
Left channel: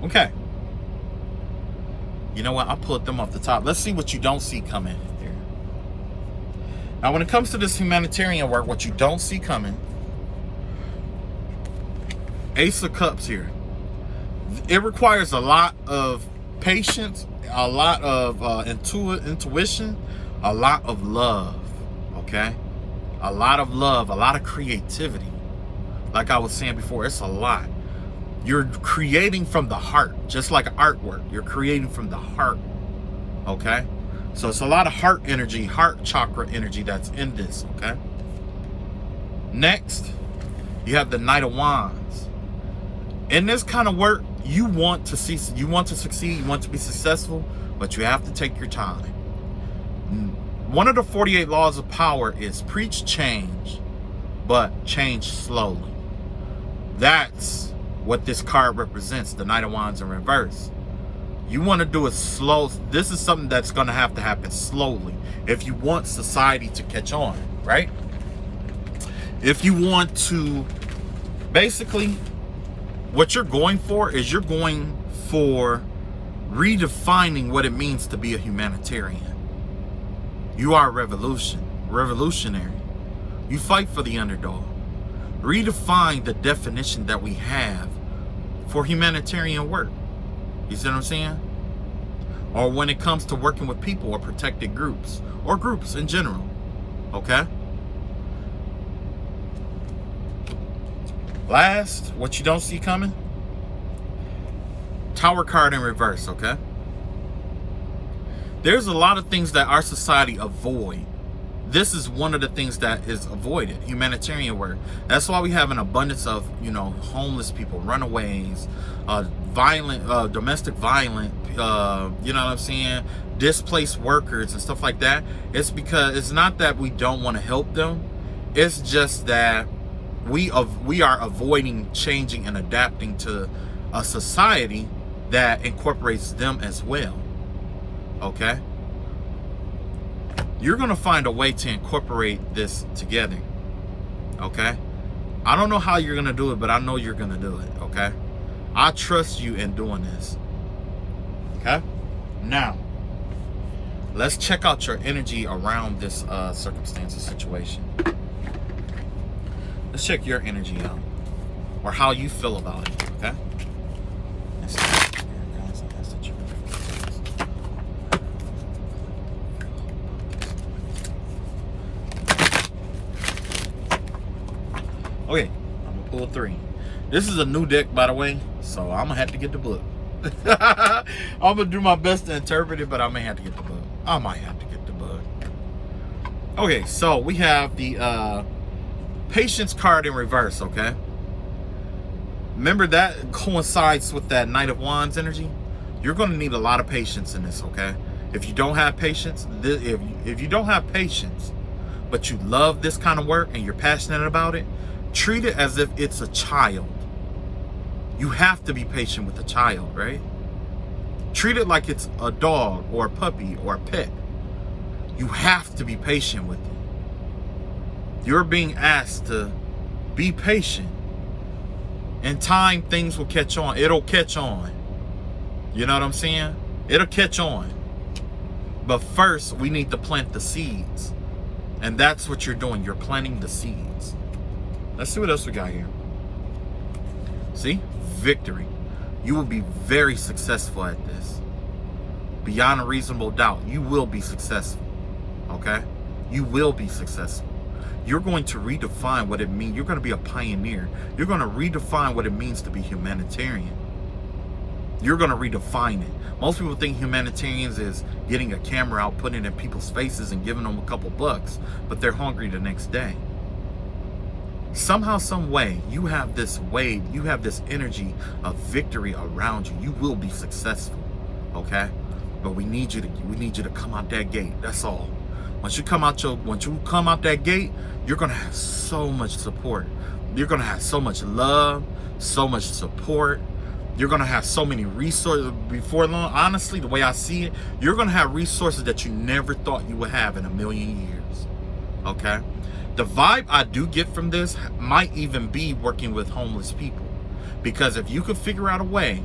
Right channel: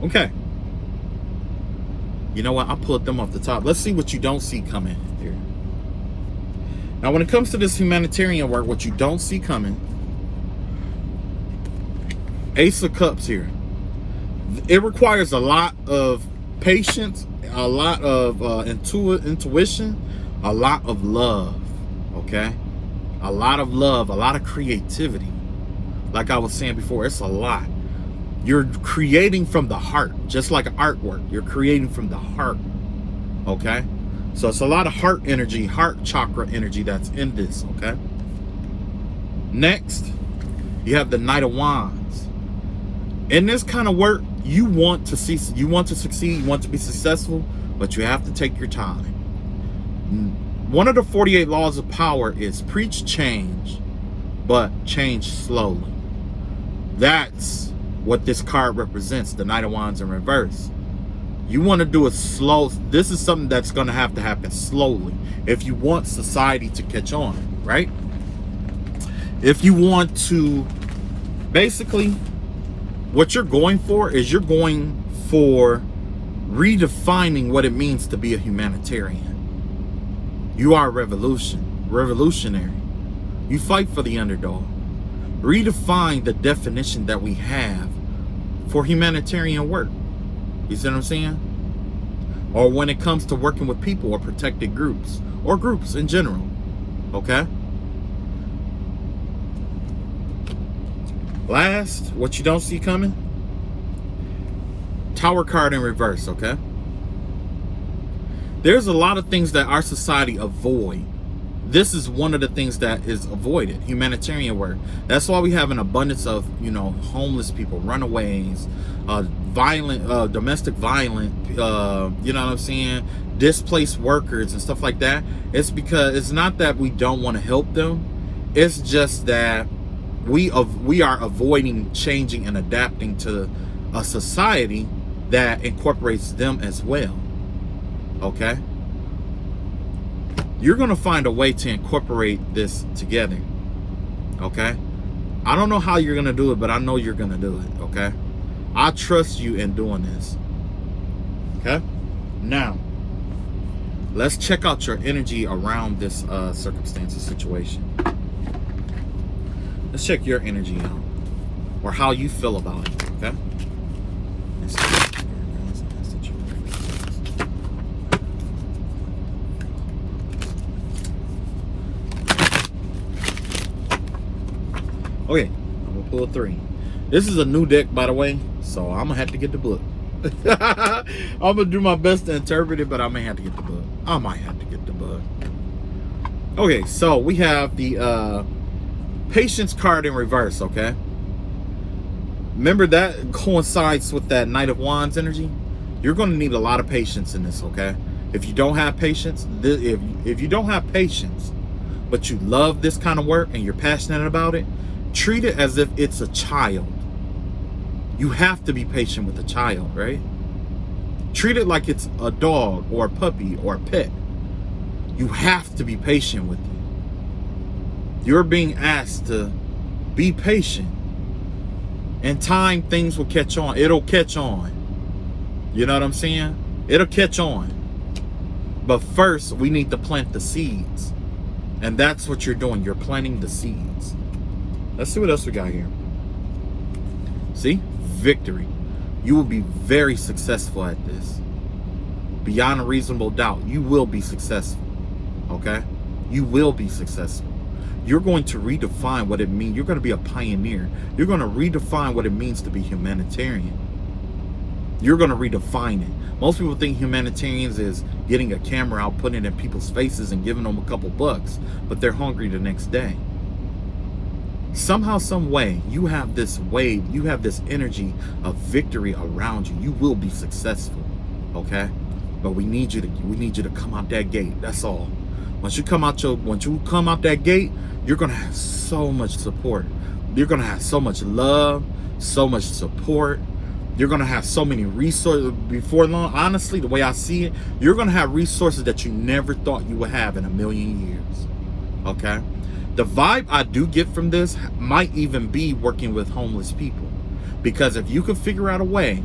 Okay. You know what? I'll pull them off the top. Let's see what you don't see coming here. Now, when it comes to this humanitarian work, what you don't see coming, Ace of Cups here. It requires a lot of patience, a lot of intuition, a lot of love, okay? A lot of love, a lot of creativity. Like I was saying before, it's a lot. You're creating from the heart, just like artwork. You're creating from the heart, okay? So it's a lot of heart energy, heart chakra energy that's in this, okay? Next, you have the Knight of Wands. In this kind of work, you want to succeed, you want to be successful, but you have to take your time. One of the 48 laws of power is preach change, but change slowly. That's what this card represents, the Knight of Wands in reverse. You want to do it slow. This is something that's going to happen slowly if you want society to catch on, right? If you want to, basically, what you're going for is you're going for redefining what it means to be a humanitarian. You are revolutionary. You fight for the underdog. Redefine the definition that we have for humanitarian work. You see what I'm saying? Or when it comes to working with people or protected groups, or groups in general, okay? Last, what you don't see coming, Tower card in reverse, okay? There's a lot of things that our society avoid. This is one of the things that is avoided, humanitarian work. That's why we have an abundance of, homeless people, runaways, domestic violence, you know what I'm saying, displaced workers and stuff like that. It's because it's not that we don't want to help them. It's just that we are avoiding changing and adapting to a society that incorporates them as well. Okay? You're going to find a way to incorporate this together. Okay? I don't know how you're going to do it, but I know you're going to do it. Okay? I trust you in doing this. Okay? Now, let's check out your energy around this circumstance or situation. Let's check your energy out, or how you feel about it. Okay? Okay, I'm gonna pull 3. This is a new deck, by the way, so I'm gonna have to get the book. I'm gonna do my best to interpret it, but I may have to get the book. I might have to get the book. Okay, so we have the patience card in reverse, okay? Remember that coincides with that Knight of Wands energy? You're going to need a lot of patience in this, okay? If you don't have patience, if you don't have patience, but you love this kind of work and you're passionate about it, treat it as if it's a child. You have to be patient with a child, right? Treat it like it's a dog or a puppy or a pet. You have to be patient with it. You're being asked to be patient. In time, things will catch on. It'll catch on. You know what I'm saying? It'll catch on. But first, we need to plant the seeds. And that's what you're doing. You're planting the seeds. Let's see what else we got here. See? Victory. You will be very successful at this. Beyond a reasonable doubt, you will be successful. Okay? You will be successful. You're going to redefine what it means. You're going to be a pioneer. You're going to redefine what it means to be humanitarian. You're going to redefine it. Most people think humanitarians is getting a camera out, putting it in people's faces and giving them a couple bucks, but they're hungry the next day. Somehow, some way, you have this wave, you have this energy of victory around you. You will be successful, okay? But we need you to come out that gate. That's all. Once you come out that gate, you're gonna have so much support. You're gonna have so much love, so much support. You're gonna have so many resources. Before long, honestly, the way I see it, you're gonna have resources that you never thought you would have in a million years. Okay? The vibe I do get from this might even be working with homeless people. Because if you could figure out a way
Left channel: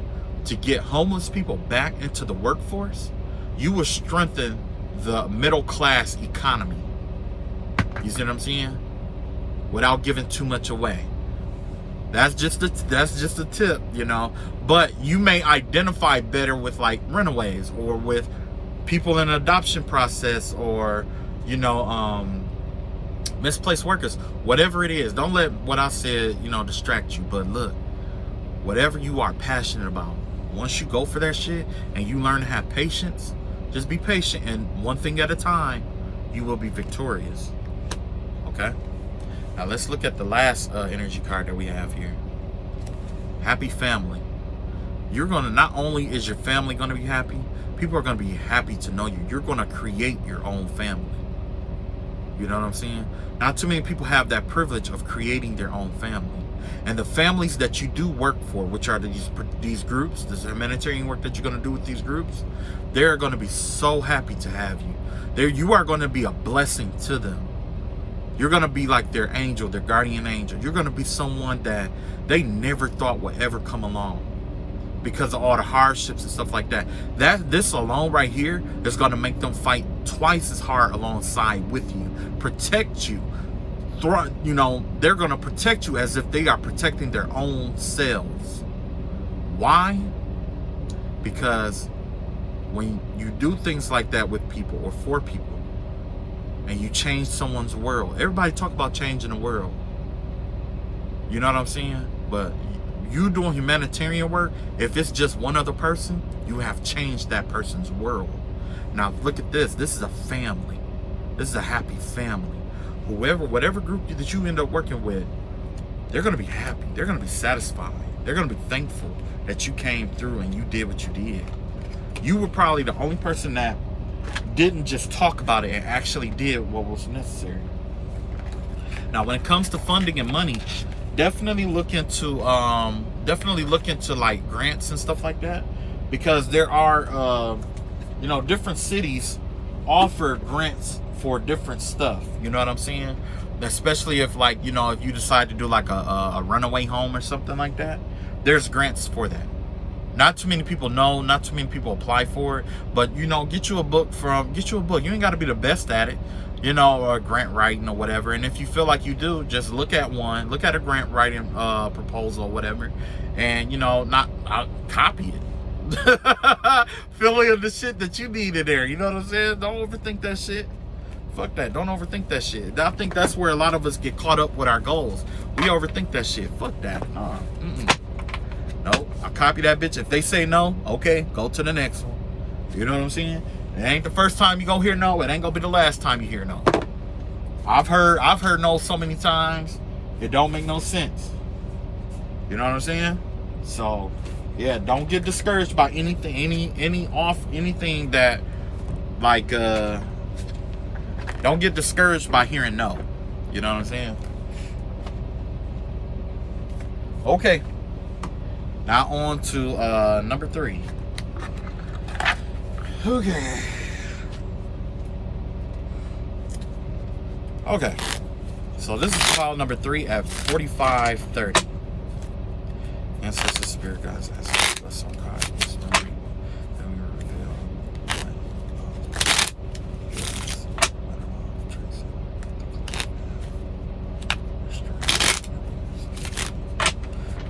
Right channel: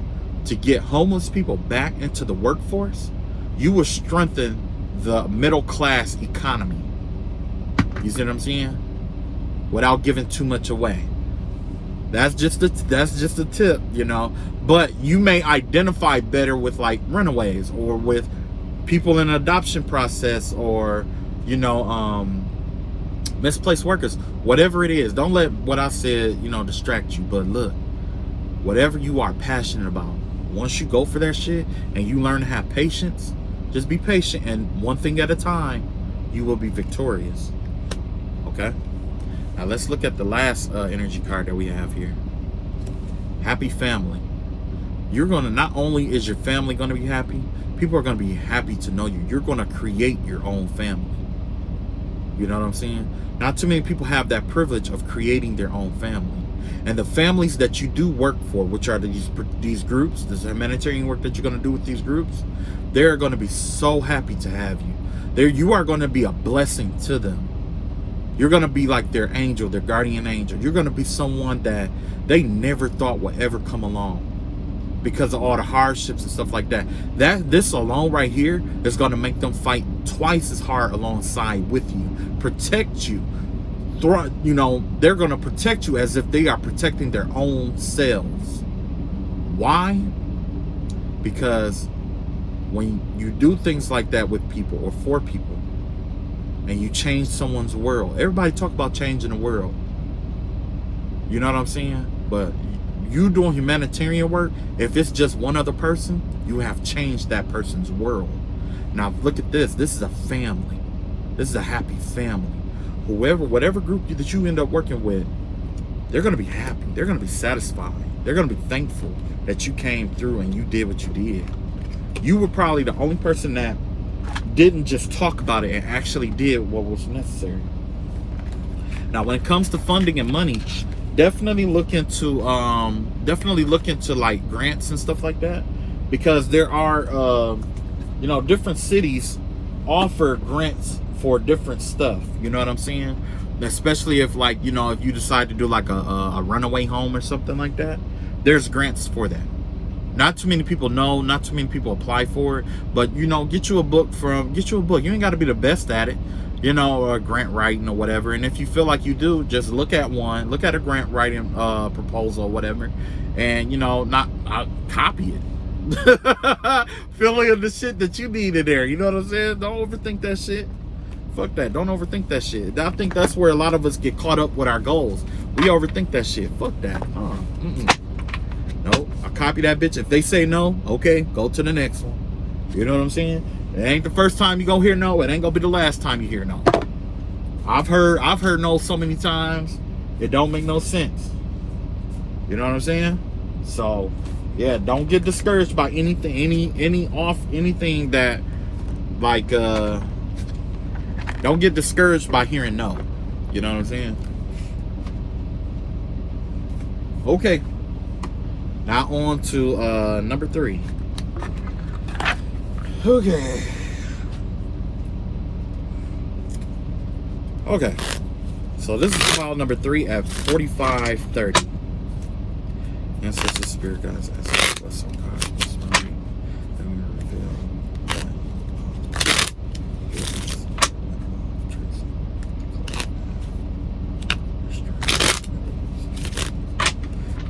to get homeless people back into the workforce, you will strengthen the middle class economy. You see what I'm saying? Without giving too much away. That's just a tip, you know. But you may identify better with like runaways or with people in an adoption process, or you know, misplaced workers. Whatever it is, don't let what I said, you know, distract you. But look, whatever you are passionate about, once you go for that shit and you learn to have patience, just be patient, and one thing at a time, you will be victorious. Okay? Now let's look at the last energy card that we have here. Happy family. You're gonna, not only is your family gonna be happy, people are gonna be happy to know you. You're gonna create your own family. You know what I'm saying? Not too many people have that privilege of creating their own family. And the families that you do work for, which are these groups, this humanitarian work that you're going to do with these groups, they're going to be so happy to have you. You are going to be a blessing to them. You're going to be like their angel, their guardian angel. You're going to be someone that they never thought would ever come along because of all the hardships and stuff like that. This alone right here is going to make them fight twice as hard alongside with you, protect you. You know, they're going to protect you as if they are protecting their own selves. Why? Because when you do things like that with people or for people, and you change someone's world, everybody talk about changing the world. You know what I'm saying? But you doing humanitarian work, if it's just one other person, you have changed that person's world. Now look at this. This is a family. This is a happy family. Whatever group that you end up working with, they're going to be happy. They're going to be satisfied. They're going to be thankful that you came through and you did what you did. You were probably the only person that didn't just talk about it and actually did what was necessary. Now, when it comes to funding and money, definitely look into like grants and stuff like that, because there are you know, different cities offer grants for different stuff. You know what I'm saying? Especially if, like, you know, if you decide to do like a runaway home or something like that, there's grants for that. Not too many people know, not too many people apply for it, but you know, get you a book. You ain't got to be the best at it, you know, or grant writing or whatever. And if you feel like you do, just look at a grant writing proposal or whatever, and you know, not copy it. Fill in the shit that you need in there. You know what I'm saying? Don't overthink that shit. Fuck that. Don't overthink that shit. I think that's where a lot of us get caught up with our goals. We overthink that shit. Fuck that. No, I copy that bitch. If they say no, okay, go to the next one. You know what I'm saying? It ain't the first time you go hear no. It ain't gonna be the last time you hear no. I've heard no so many times. It don't make no sense. You know what I'm saying? So, yeah, don't get discouraged by anything, anything that, like, don't get discouraged by hearing no. You know what I'm saying? Okay. Now on to number 3. Okay. Okay. So this is file number 3 at 45:30. Ancestor Spirit Guides, Ancestor Bless some cards. This memory that we reveal.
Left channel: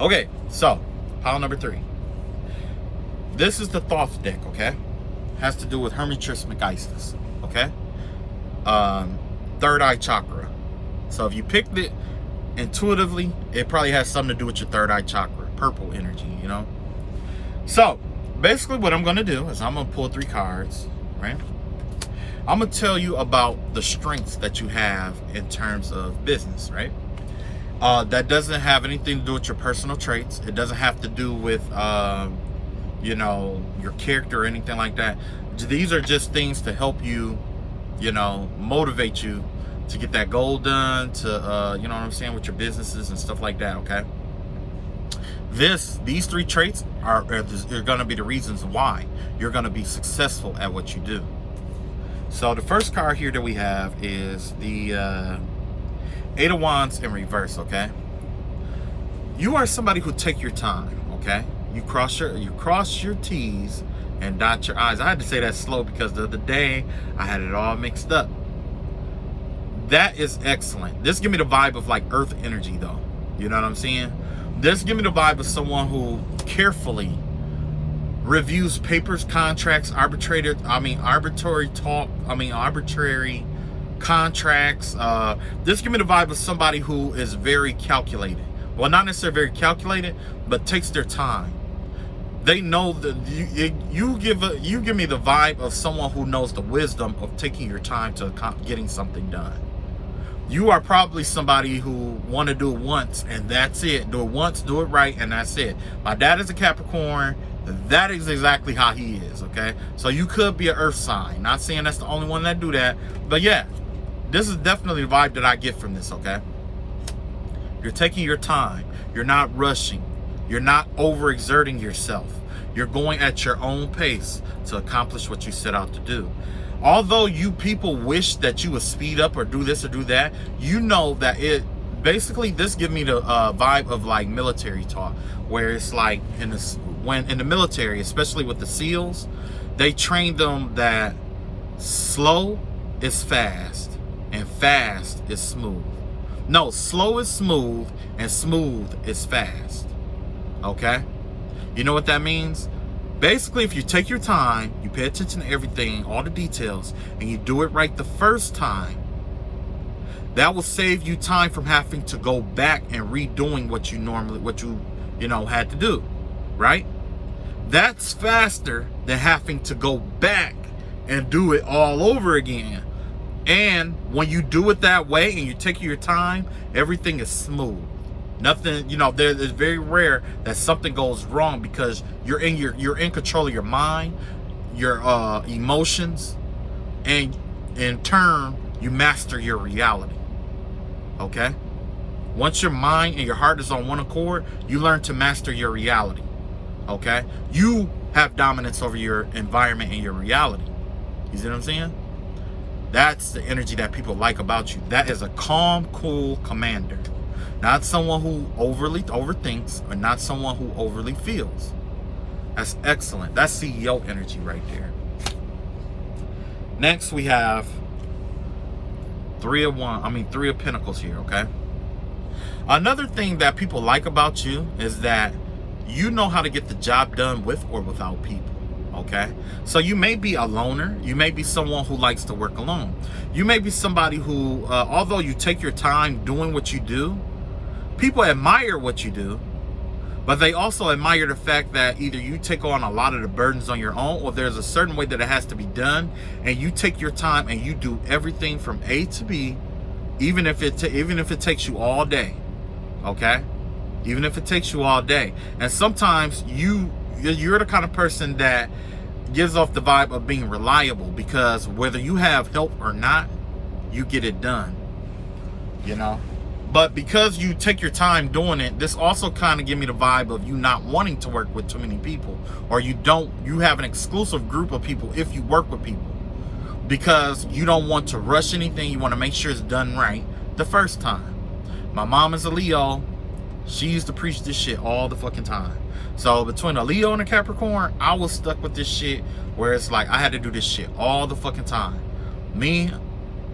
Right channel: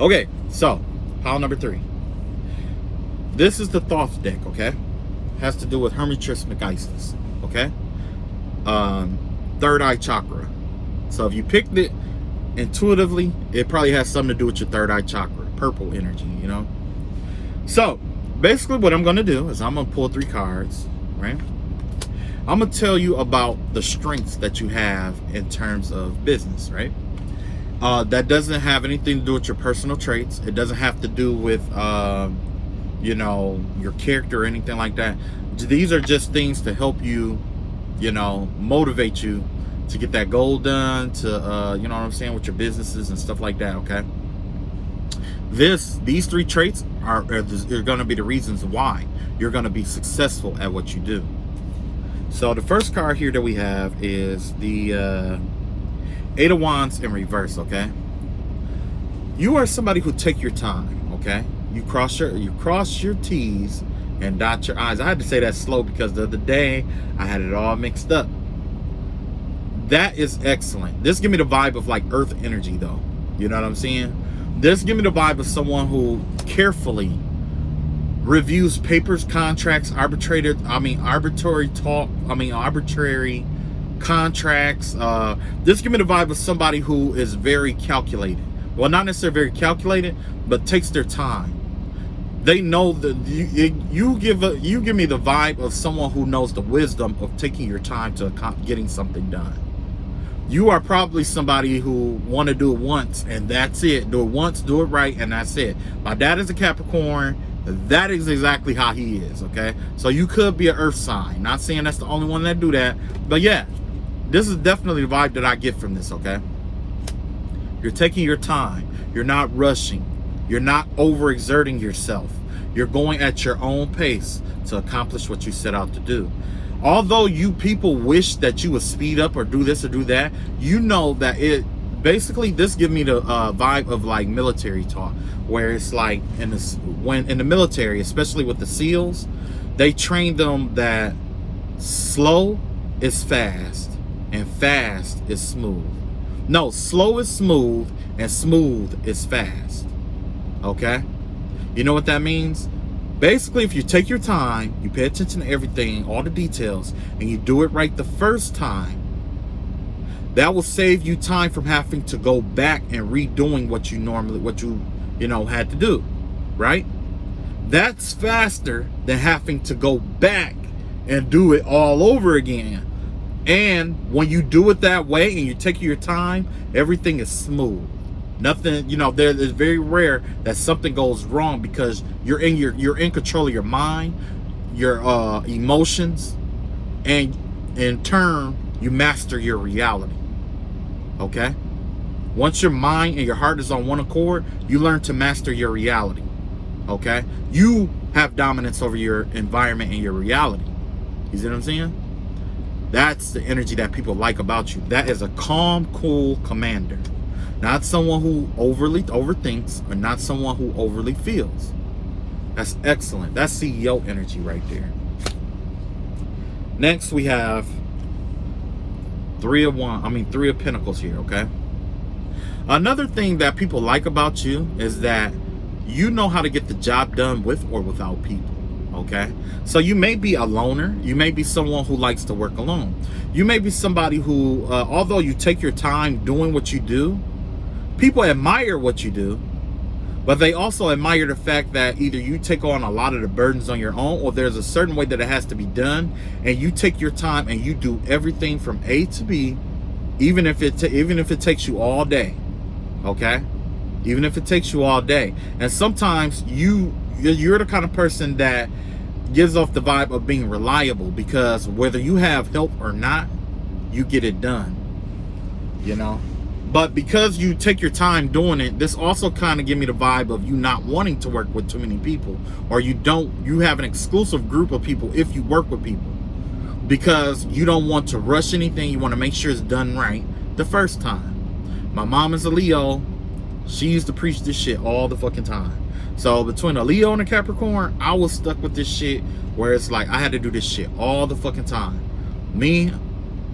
Okay, so pile number 3. This is the Thoth deck, okay? Has to do with Hermes Trismegistus, okay? Third eye chakra. So if you picked it intuitively, it probably has something to do with your third eye chakra, purple energy, you know? So basically what I'm going to do is I'm going to pull 3 cards, right? I'm going to tell you about the strengths that you have in terms of business, right? That doesn't have anything to do with your personal traits. It doesn't have to do with, you know, your character or anything like that. These are just things to help you, you know, motivate you to get that goal done, to, you know what I'm saying, with your businesses and stuff like that, okay? These 3 traits are going to be the reasons why you're going to be successful at what you do. So the first card here that we have is the 8 of Wands in reverse, okay? You are somebody who take your time, okay? You cross your T's and dot your I's. I had to say that slow because the other day I had it all mixed up. That is excellent. This give me the vibe of like earth energy though. You know what I'm saying? This give me the vibe of someone who carefully reviews papers, contracts, arbitrary contracts. This give me the vibe of somebody who is very calculated. Well, not necessarily very calculated, but takes their time. They know that you give me the vibe of someone who knows the wisdom of taking your time to getting something done. You are probably somebody who want to do it once and that's it. Do it once, do it right, and that's it. My dad is a Capricorn. That is exactly how he is, okay? So you could be an earth sign. Not saying that's the only one that do that, but yeah, this is definitely the vibe that I get from this, okay? You're taking your time. You're not rushing. You're not overexerting yourself. You're going at your own pace to accomplish what you set out to do. Although you people wish that you would speed up or do this or do that, you know that it basically, this gives me the vibe of like military talk, where it's like when in the military, especially with the SEALs, they train them that slow is fast and fast is smooth. No, slow is smooth and smooth is fast. Okay? You know what that means? Basically, if you take your time, you pay attention to everything, all the details, and you do it right the first time, that will save you time from having to go back and redoing what you know, had to do, right? That's faster than having to go back and do it all over again. And when you do it that way and you take your time, everything is smooth. Nothing, you know, it's very rare that something goes wrong because you're in control of your mind, your emotions, and in turn you master your reality. Okay? Once your mind and your heart is on one accord, you learn to master your reality. Okay? You have dominance over your environment and your reality. You see what I'm saying? That's the energy that people like about you. That is a calm, cool commander. Not someone who overly overthinks or not someone who overly feels. That's excellent. That's CEO energy right there. Next we have Three of Pentacles here, okay? Another thing that people like about you is that you know how to get the job done with or without people, okay? So you may be a loner. You may be someone who likes to work alone. You may be somebody who, although you take your time doing what you do, people admire what you do, but they also admire the fact that either you take on a lot of the burdens on your own or there's a certain way that it has to be done, and you take your time and you do everything from A to B even if it takes you all day, okay? Even if it takes you all day. And sometimes you're the kind of person that gives off the vibe of being reliable, because whether you have help or not, you get it done, you know. But because you take your time doing it, this also kind of give me the vibe of you not wanting to work with too many people, or you have an exclusive group of people if you work with people, because you don't want to rush anything. You want to make sure it's done right the first time. My mom is a Leo. She used to preach this shit all the fucking time. So between a Leo and a Capricorn, I was stuck with this shit where it's like I had to do this shit all the fucking time. Me,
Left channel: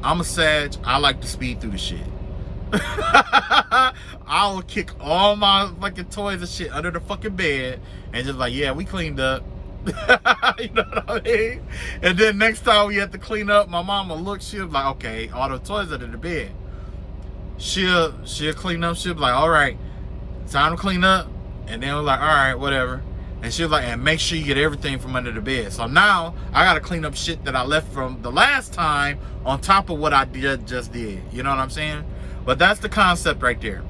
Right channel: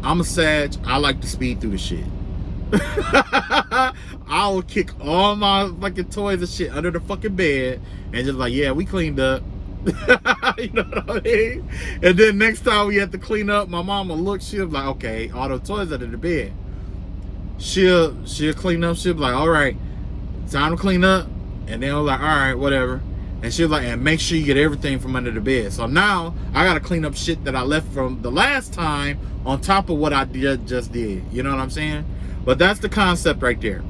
I'm a Sag. I like to speed through the shit. I will kick all my fucking toys and shit under the fucking bed and just like, yeah, we cleaned up. You know what I mean? And then next time we had to clean up, my mama look, she'll be like, okay, all the toys under the bed. She'll clean up. She'll be like, all right, time to clean up. And then I was like, all right, whatever. And she was like, and make sure you get everything from under the bed. So now I gotta clean up shit that I left from the last time on top of what I just did. You know what I'm saying? But that's the concept right there.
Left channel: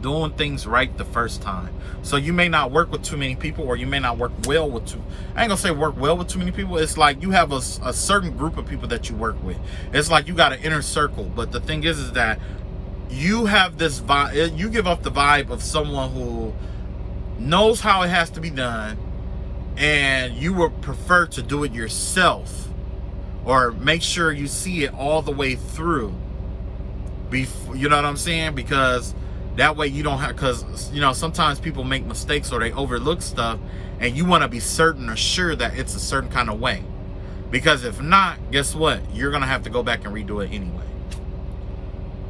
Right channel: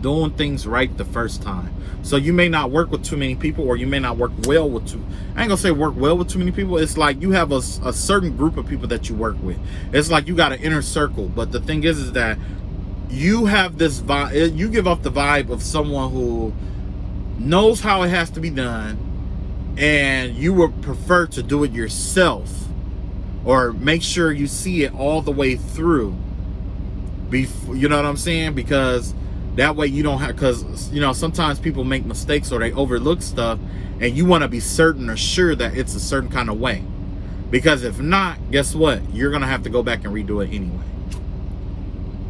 Doing things right the first time. So you may not work with too many people, or you may not work well with I ain't gonna say work well with too many people. It's like you have a certain group of people that you work with. It's like you got an inner circle. But the thing is that you have this vibe, you give off the vibe of someone who knows how it has to be done, and you would prefer to do it yourself, or make sure you see it all the way through. You know what I'm saying? Because that way you don't have, because you know, sometimes people make mistakes or they overlook stuff, and you want to be certain or sure that it's a certain kind of way. Because if not, guess what? You're gonna have to go back and redo it anyway.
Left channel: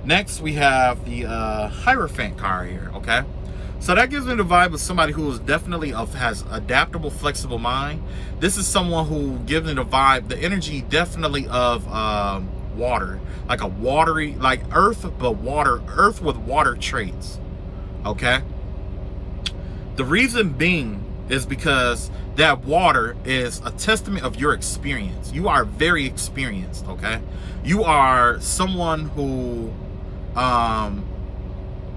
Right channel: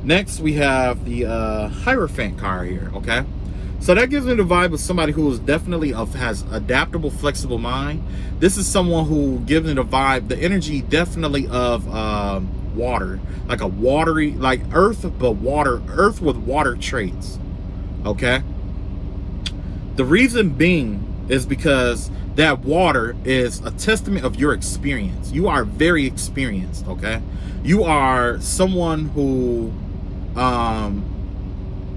Next, we have the Hierophant Car here, okay? So that gives me the vibe of somebody who is definitely has adaptable, flexible mind. This is someone who gives me the vibe, the energy definitely of water, like a watery, like earth, but water, earth with water traits, okay? The reason being is because that water is a testament of your experience. You are very experienced, okay? You are someone who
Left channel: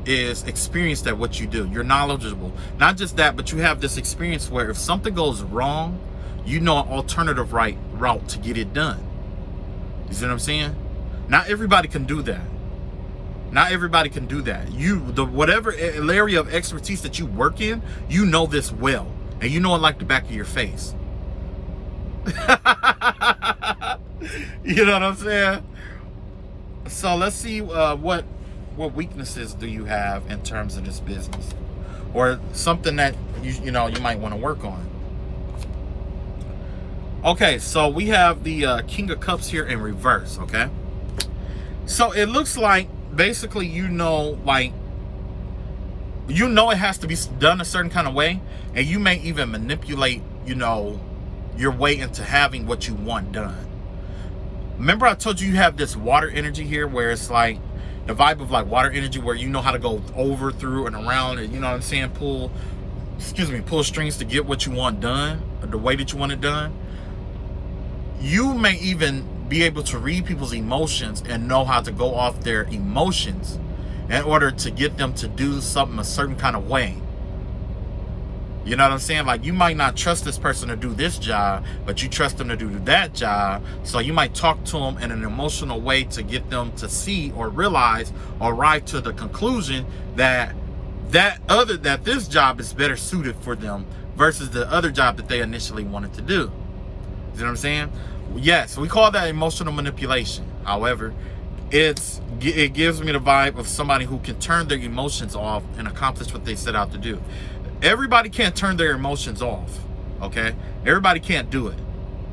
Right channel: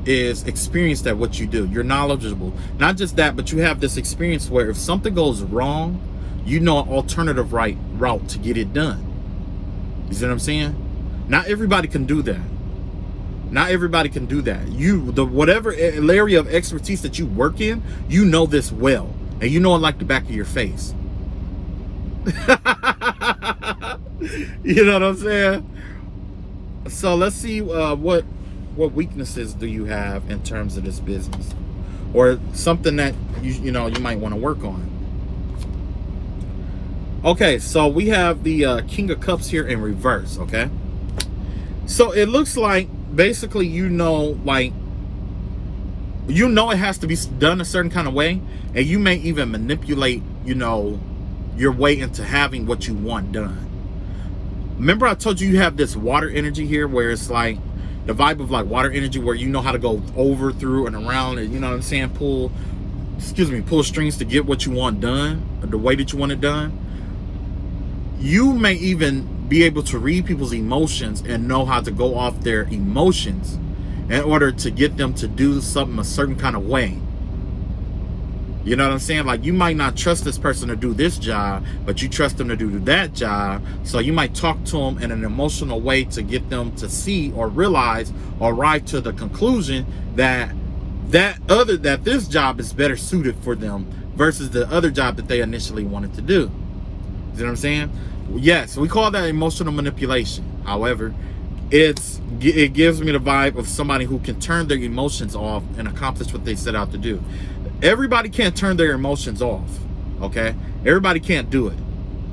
is experienced at what you do. You're knowledgeable. Not just that, but you have this experience where if something goes wrong, you know an alternative route to get it done. You see what I'm saying? Not everybody can do that. Not everybody can do that. Whatever area of expertise that you work in, you know this well, and you know it like the back of your face. You know what I'm saying? So let's see what weaknesses do you have in terms of this business, or something that you might want to work on. Okay, so we have the King of Cups here in reverse, okay? So it looks like basically it has to be done a certain kind of way, and you may even manipulate, your way into having what you want done. Remember I told you have this water energy here where it's like the vibe of like water energy where you know how to go over, through, and around, and you know what I'm saying, pull strings to get what you want done, or the way that you want it done. You may even be able to read people's emotions and know how to go off their emotions in order to get them to do something a certain kind of way. You know what I'm saying? Like, you might not trust this person to do this job, but you trust them to do that job. So you might talk to them in an emotional way to get them to see or realize or arrive to the conclusion that this job is better suited for them versus the other job that they initially wanted to do. You know what I'm saying? Yes, we call that emotional manipulation. However, it gives me the vibe of somebody who can turn their emotions off and accomplish what they set out to do. Everybody can't turn their emotions off, okay? Everybody can't do it,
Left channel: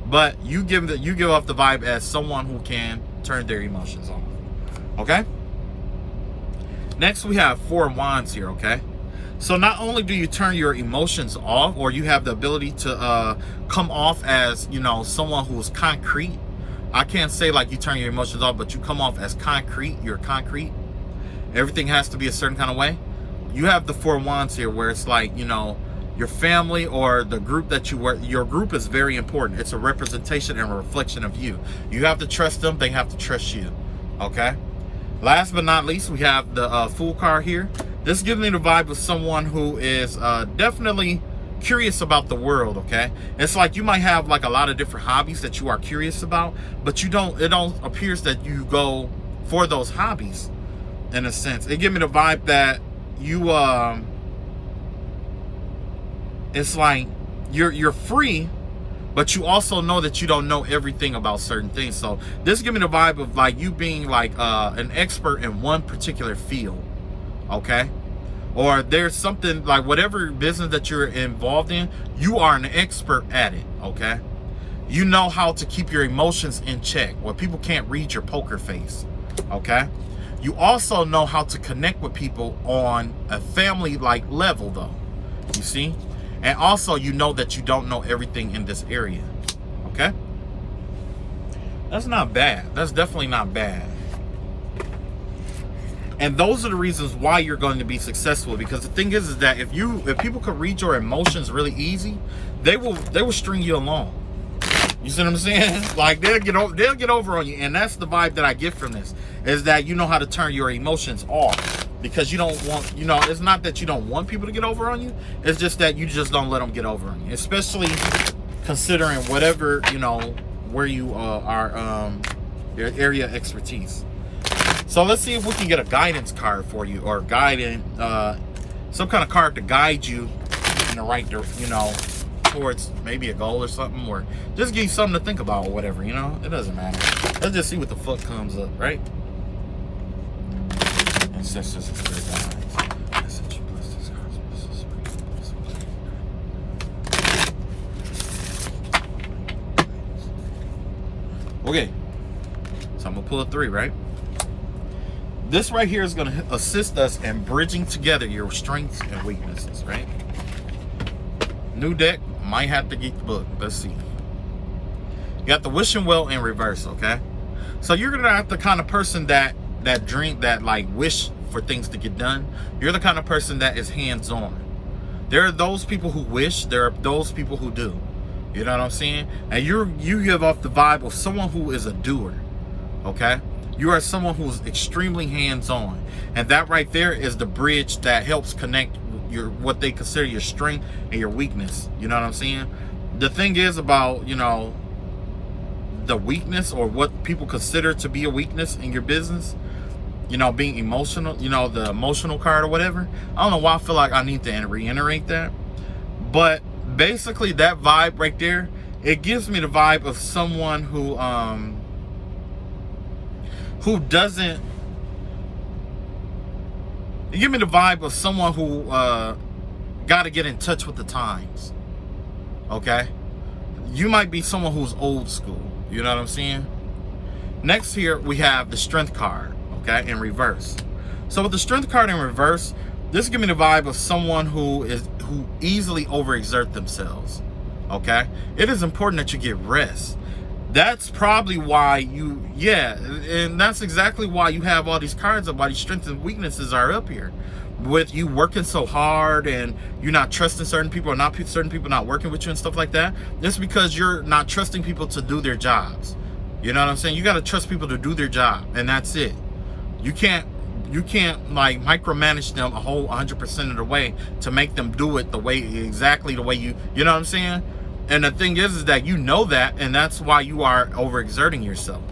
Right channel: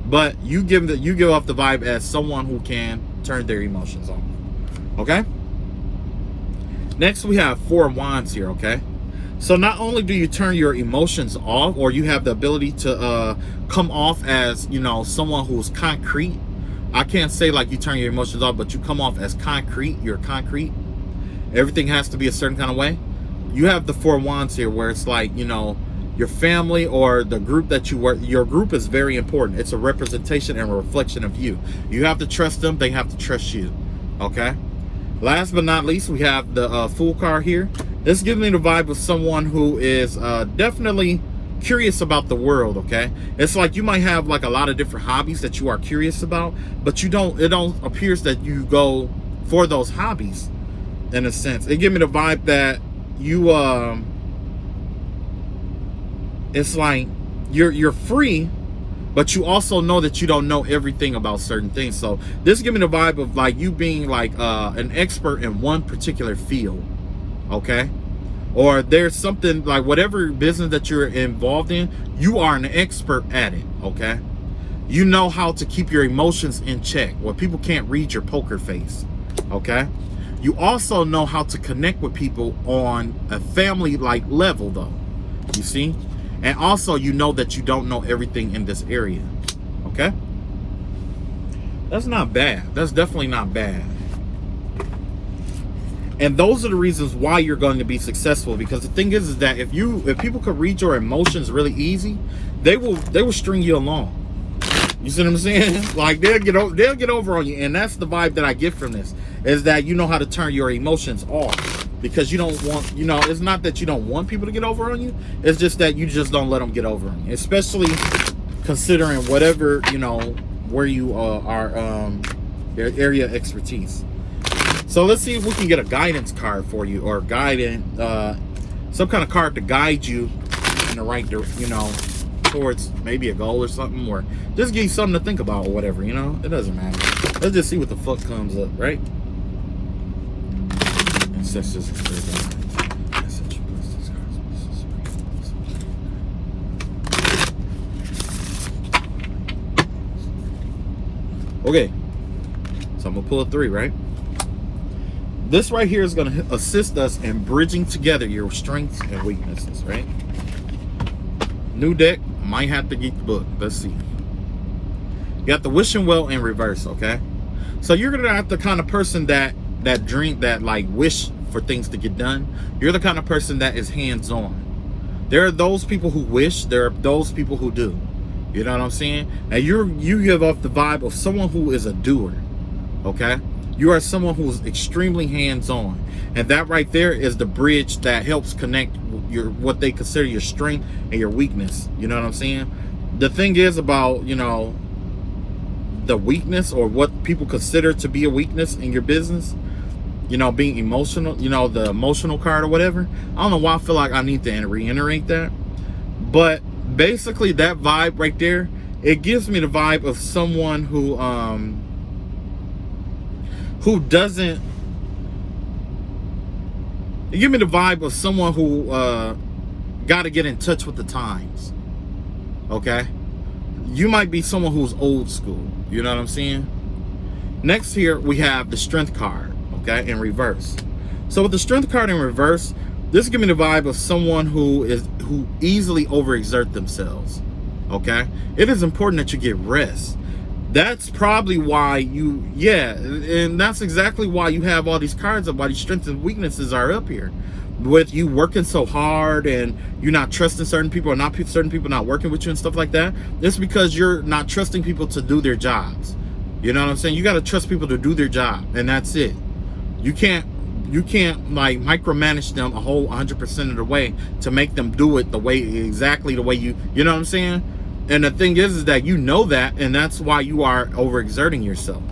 but you give off the vibe as someone who can turn their emotions off, okay? Next, we have 4 of Wands here, okay? So not only do you turn your emotions off, or you have the ability to come off as, someone who's concrete. I can't say like you turn your emotions off, but you come off as concrete. You're concrete. Everything has to be a certain kind of way. You have the 4 of Wands here where it's like, your family or the group that you work, your group is very important. It's a representation and a reflection of you. You have to trust them. They have to trust you. Okay. Last but not least, we have the Fool Car here. This gives me the vibe of someone who is definitely curious about the world. Okay, it's like you might have like a lot of different hobbies that you are curious about, but it don't appears that you go for those hobbies. In a sense, it gives me the vibe that you it's like you're free, but you also know that you don't know everything about certain things. So this gives me the vibe of like you being like an expert in one particular field. Okay, or there's something like whatever business that you're involved in, you are an expert at it. Okay, you know how to keep your emotions in check where people can't read your poker face. Okay, you also know how to connect with people on a family like level though, you see. And also you know that you don't know everything in this area. Okay, that's not bad. That's definitely not bad. And those are the reasons why you're going to be successful, because the thing is that if people could read your emotions really easy, they will string you along. You see what I'm saying? Like they'll get over on you. And that's the vibe that I get from this, is that you know how to turn your emotions off, because you don't want, it's not that you don't want people to get over on you, it's just that you just don't let them get over on you, especially considering whatever, where you are, your area of expertise. So let's see if we can get a guidance card for you, or some kind of card to guide you in the right towards maybe a goal or something, or just give you something to think about or whatever, it doesn't matter. Let's just see what the fuck comes up, right? Okay, so I'm gonna pull a 3, right? This right here is gonna assist us in bridging together your strengths and weaknesses, right? New deck, might have to get the book. Let's see. You got the wishing well in reverse, okay? So you're gonna have the kind of person that like wish for things to get done. You're the kind of person that is hands-on. There are those people who wish, there are those people who do. You know what I'm saying? And you give off the vibe of someone who is a doer, okay? You are someone who is extremely hands-on, and that right there is the bridge that helps connect what they consider your strength and your weakness. You know what I'm saying? The thing is about, the weakness, or what people consider to be a weakness in your business, being emotional, the emotional card or whatever. I don't know why I feel like I need to reiterate that, but basically that vibe right there, it gives me the vibe of someone who doesn't, it gives me the vibe of someone who got to get in touch with the times. Okay, you might be someone who's old school. You know what I'm saying? Next here we have the strength card, okay, in reverse. So with the strength card in reverse, this gives me the vibe of someone who easily overexert themselves. Okay, it is important that you get rest. That's probably why and that's exactly why you have all these cards of why these strengths and weaknesses are up here. With you working so hard and you're not trusting certain people, or certain people not working with you and stuff like that, it's because you're not trusting people to do their jobs. You know what I'm saying? You got to trust people to do their job, and that's it. You can't like micromanage them a whole 100% of the way to make them do it exactly the way you know what I'm saying? And the thing is that you know that, and that's why you are overexerting yourself,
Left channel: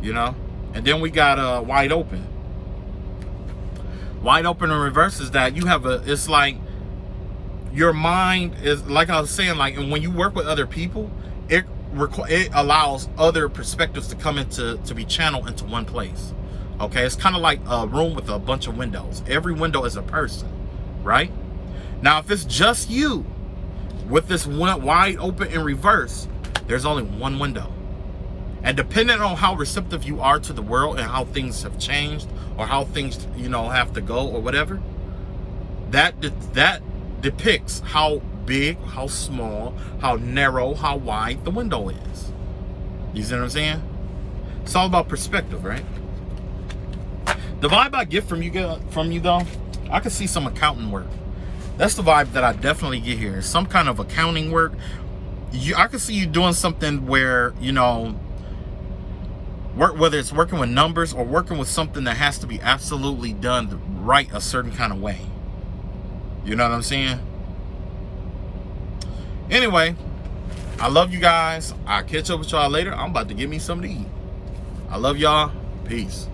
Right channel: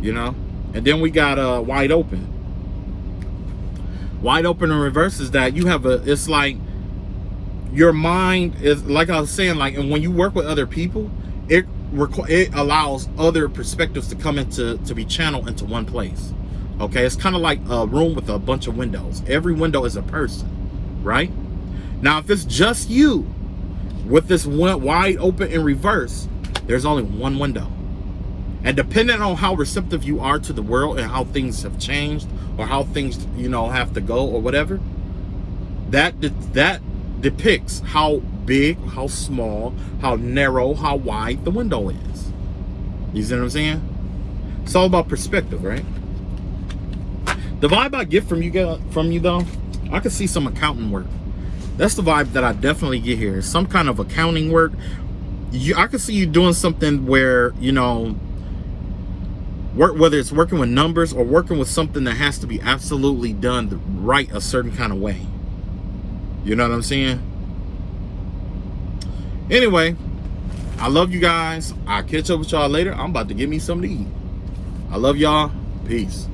And then we got wide open. Wide open in reverse is that you have it's like your mind is, like I was saying, like, and when you work with other people, it allows other perspectives to come to be channeled into one place. Okay, it's kind of like a room with a bunch of windows. Every window is a person, right? Now, if it's just you with this one wide open in reverse, there's only one window. And depending on how receptive you are to the world and how things have changed, or how things, have to go or whatever, that depicts how big, how small, how narrow, how wide the window is. You see what I'm saying? It's all about perspective, right? The vibe I get from you though, I can see some accounting work. That's the vibe that I definitely get here. Some kind of accounting work. I can see you doing something where, whether it's working with numbers or working with something that has to be absolutely done right a certain kind of way. You know what I'm saying? Anyway, I love you guys. I'll catch up with y'all later. I'm about to get me something to eat. I love y'all. Peace.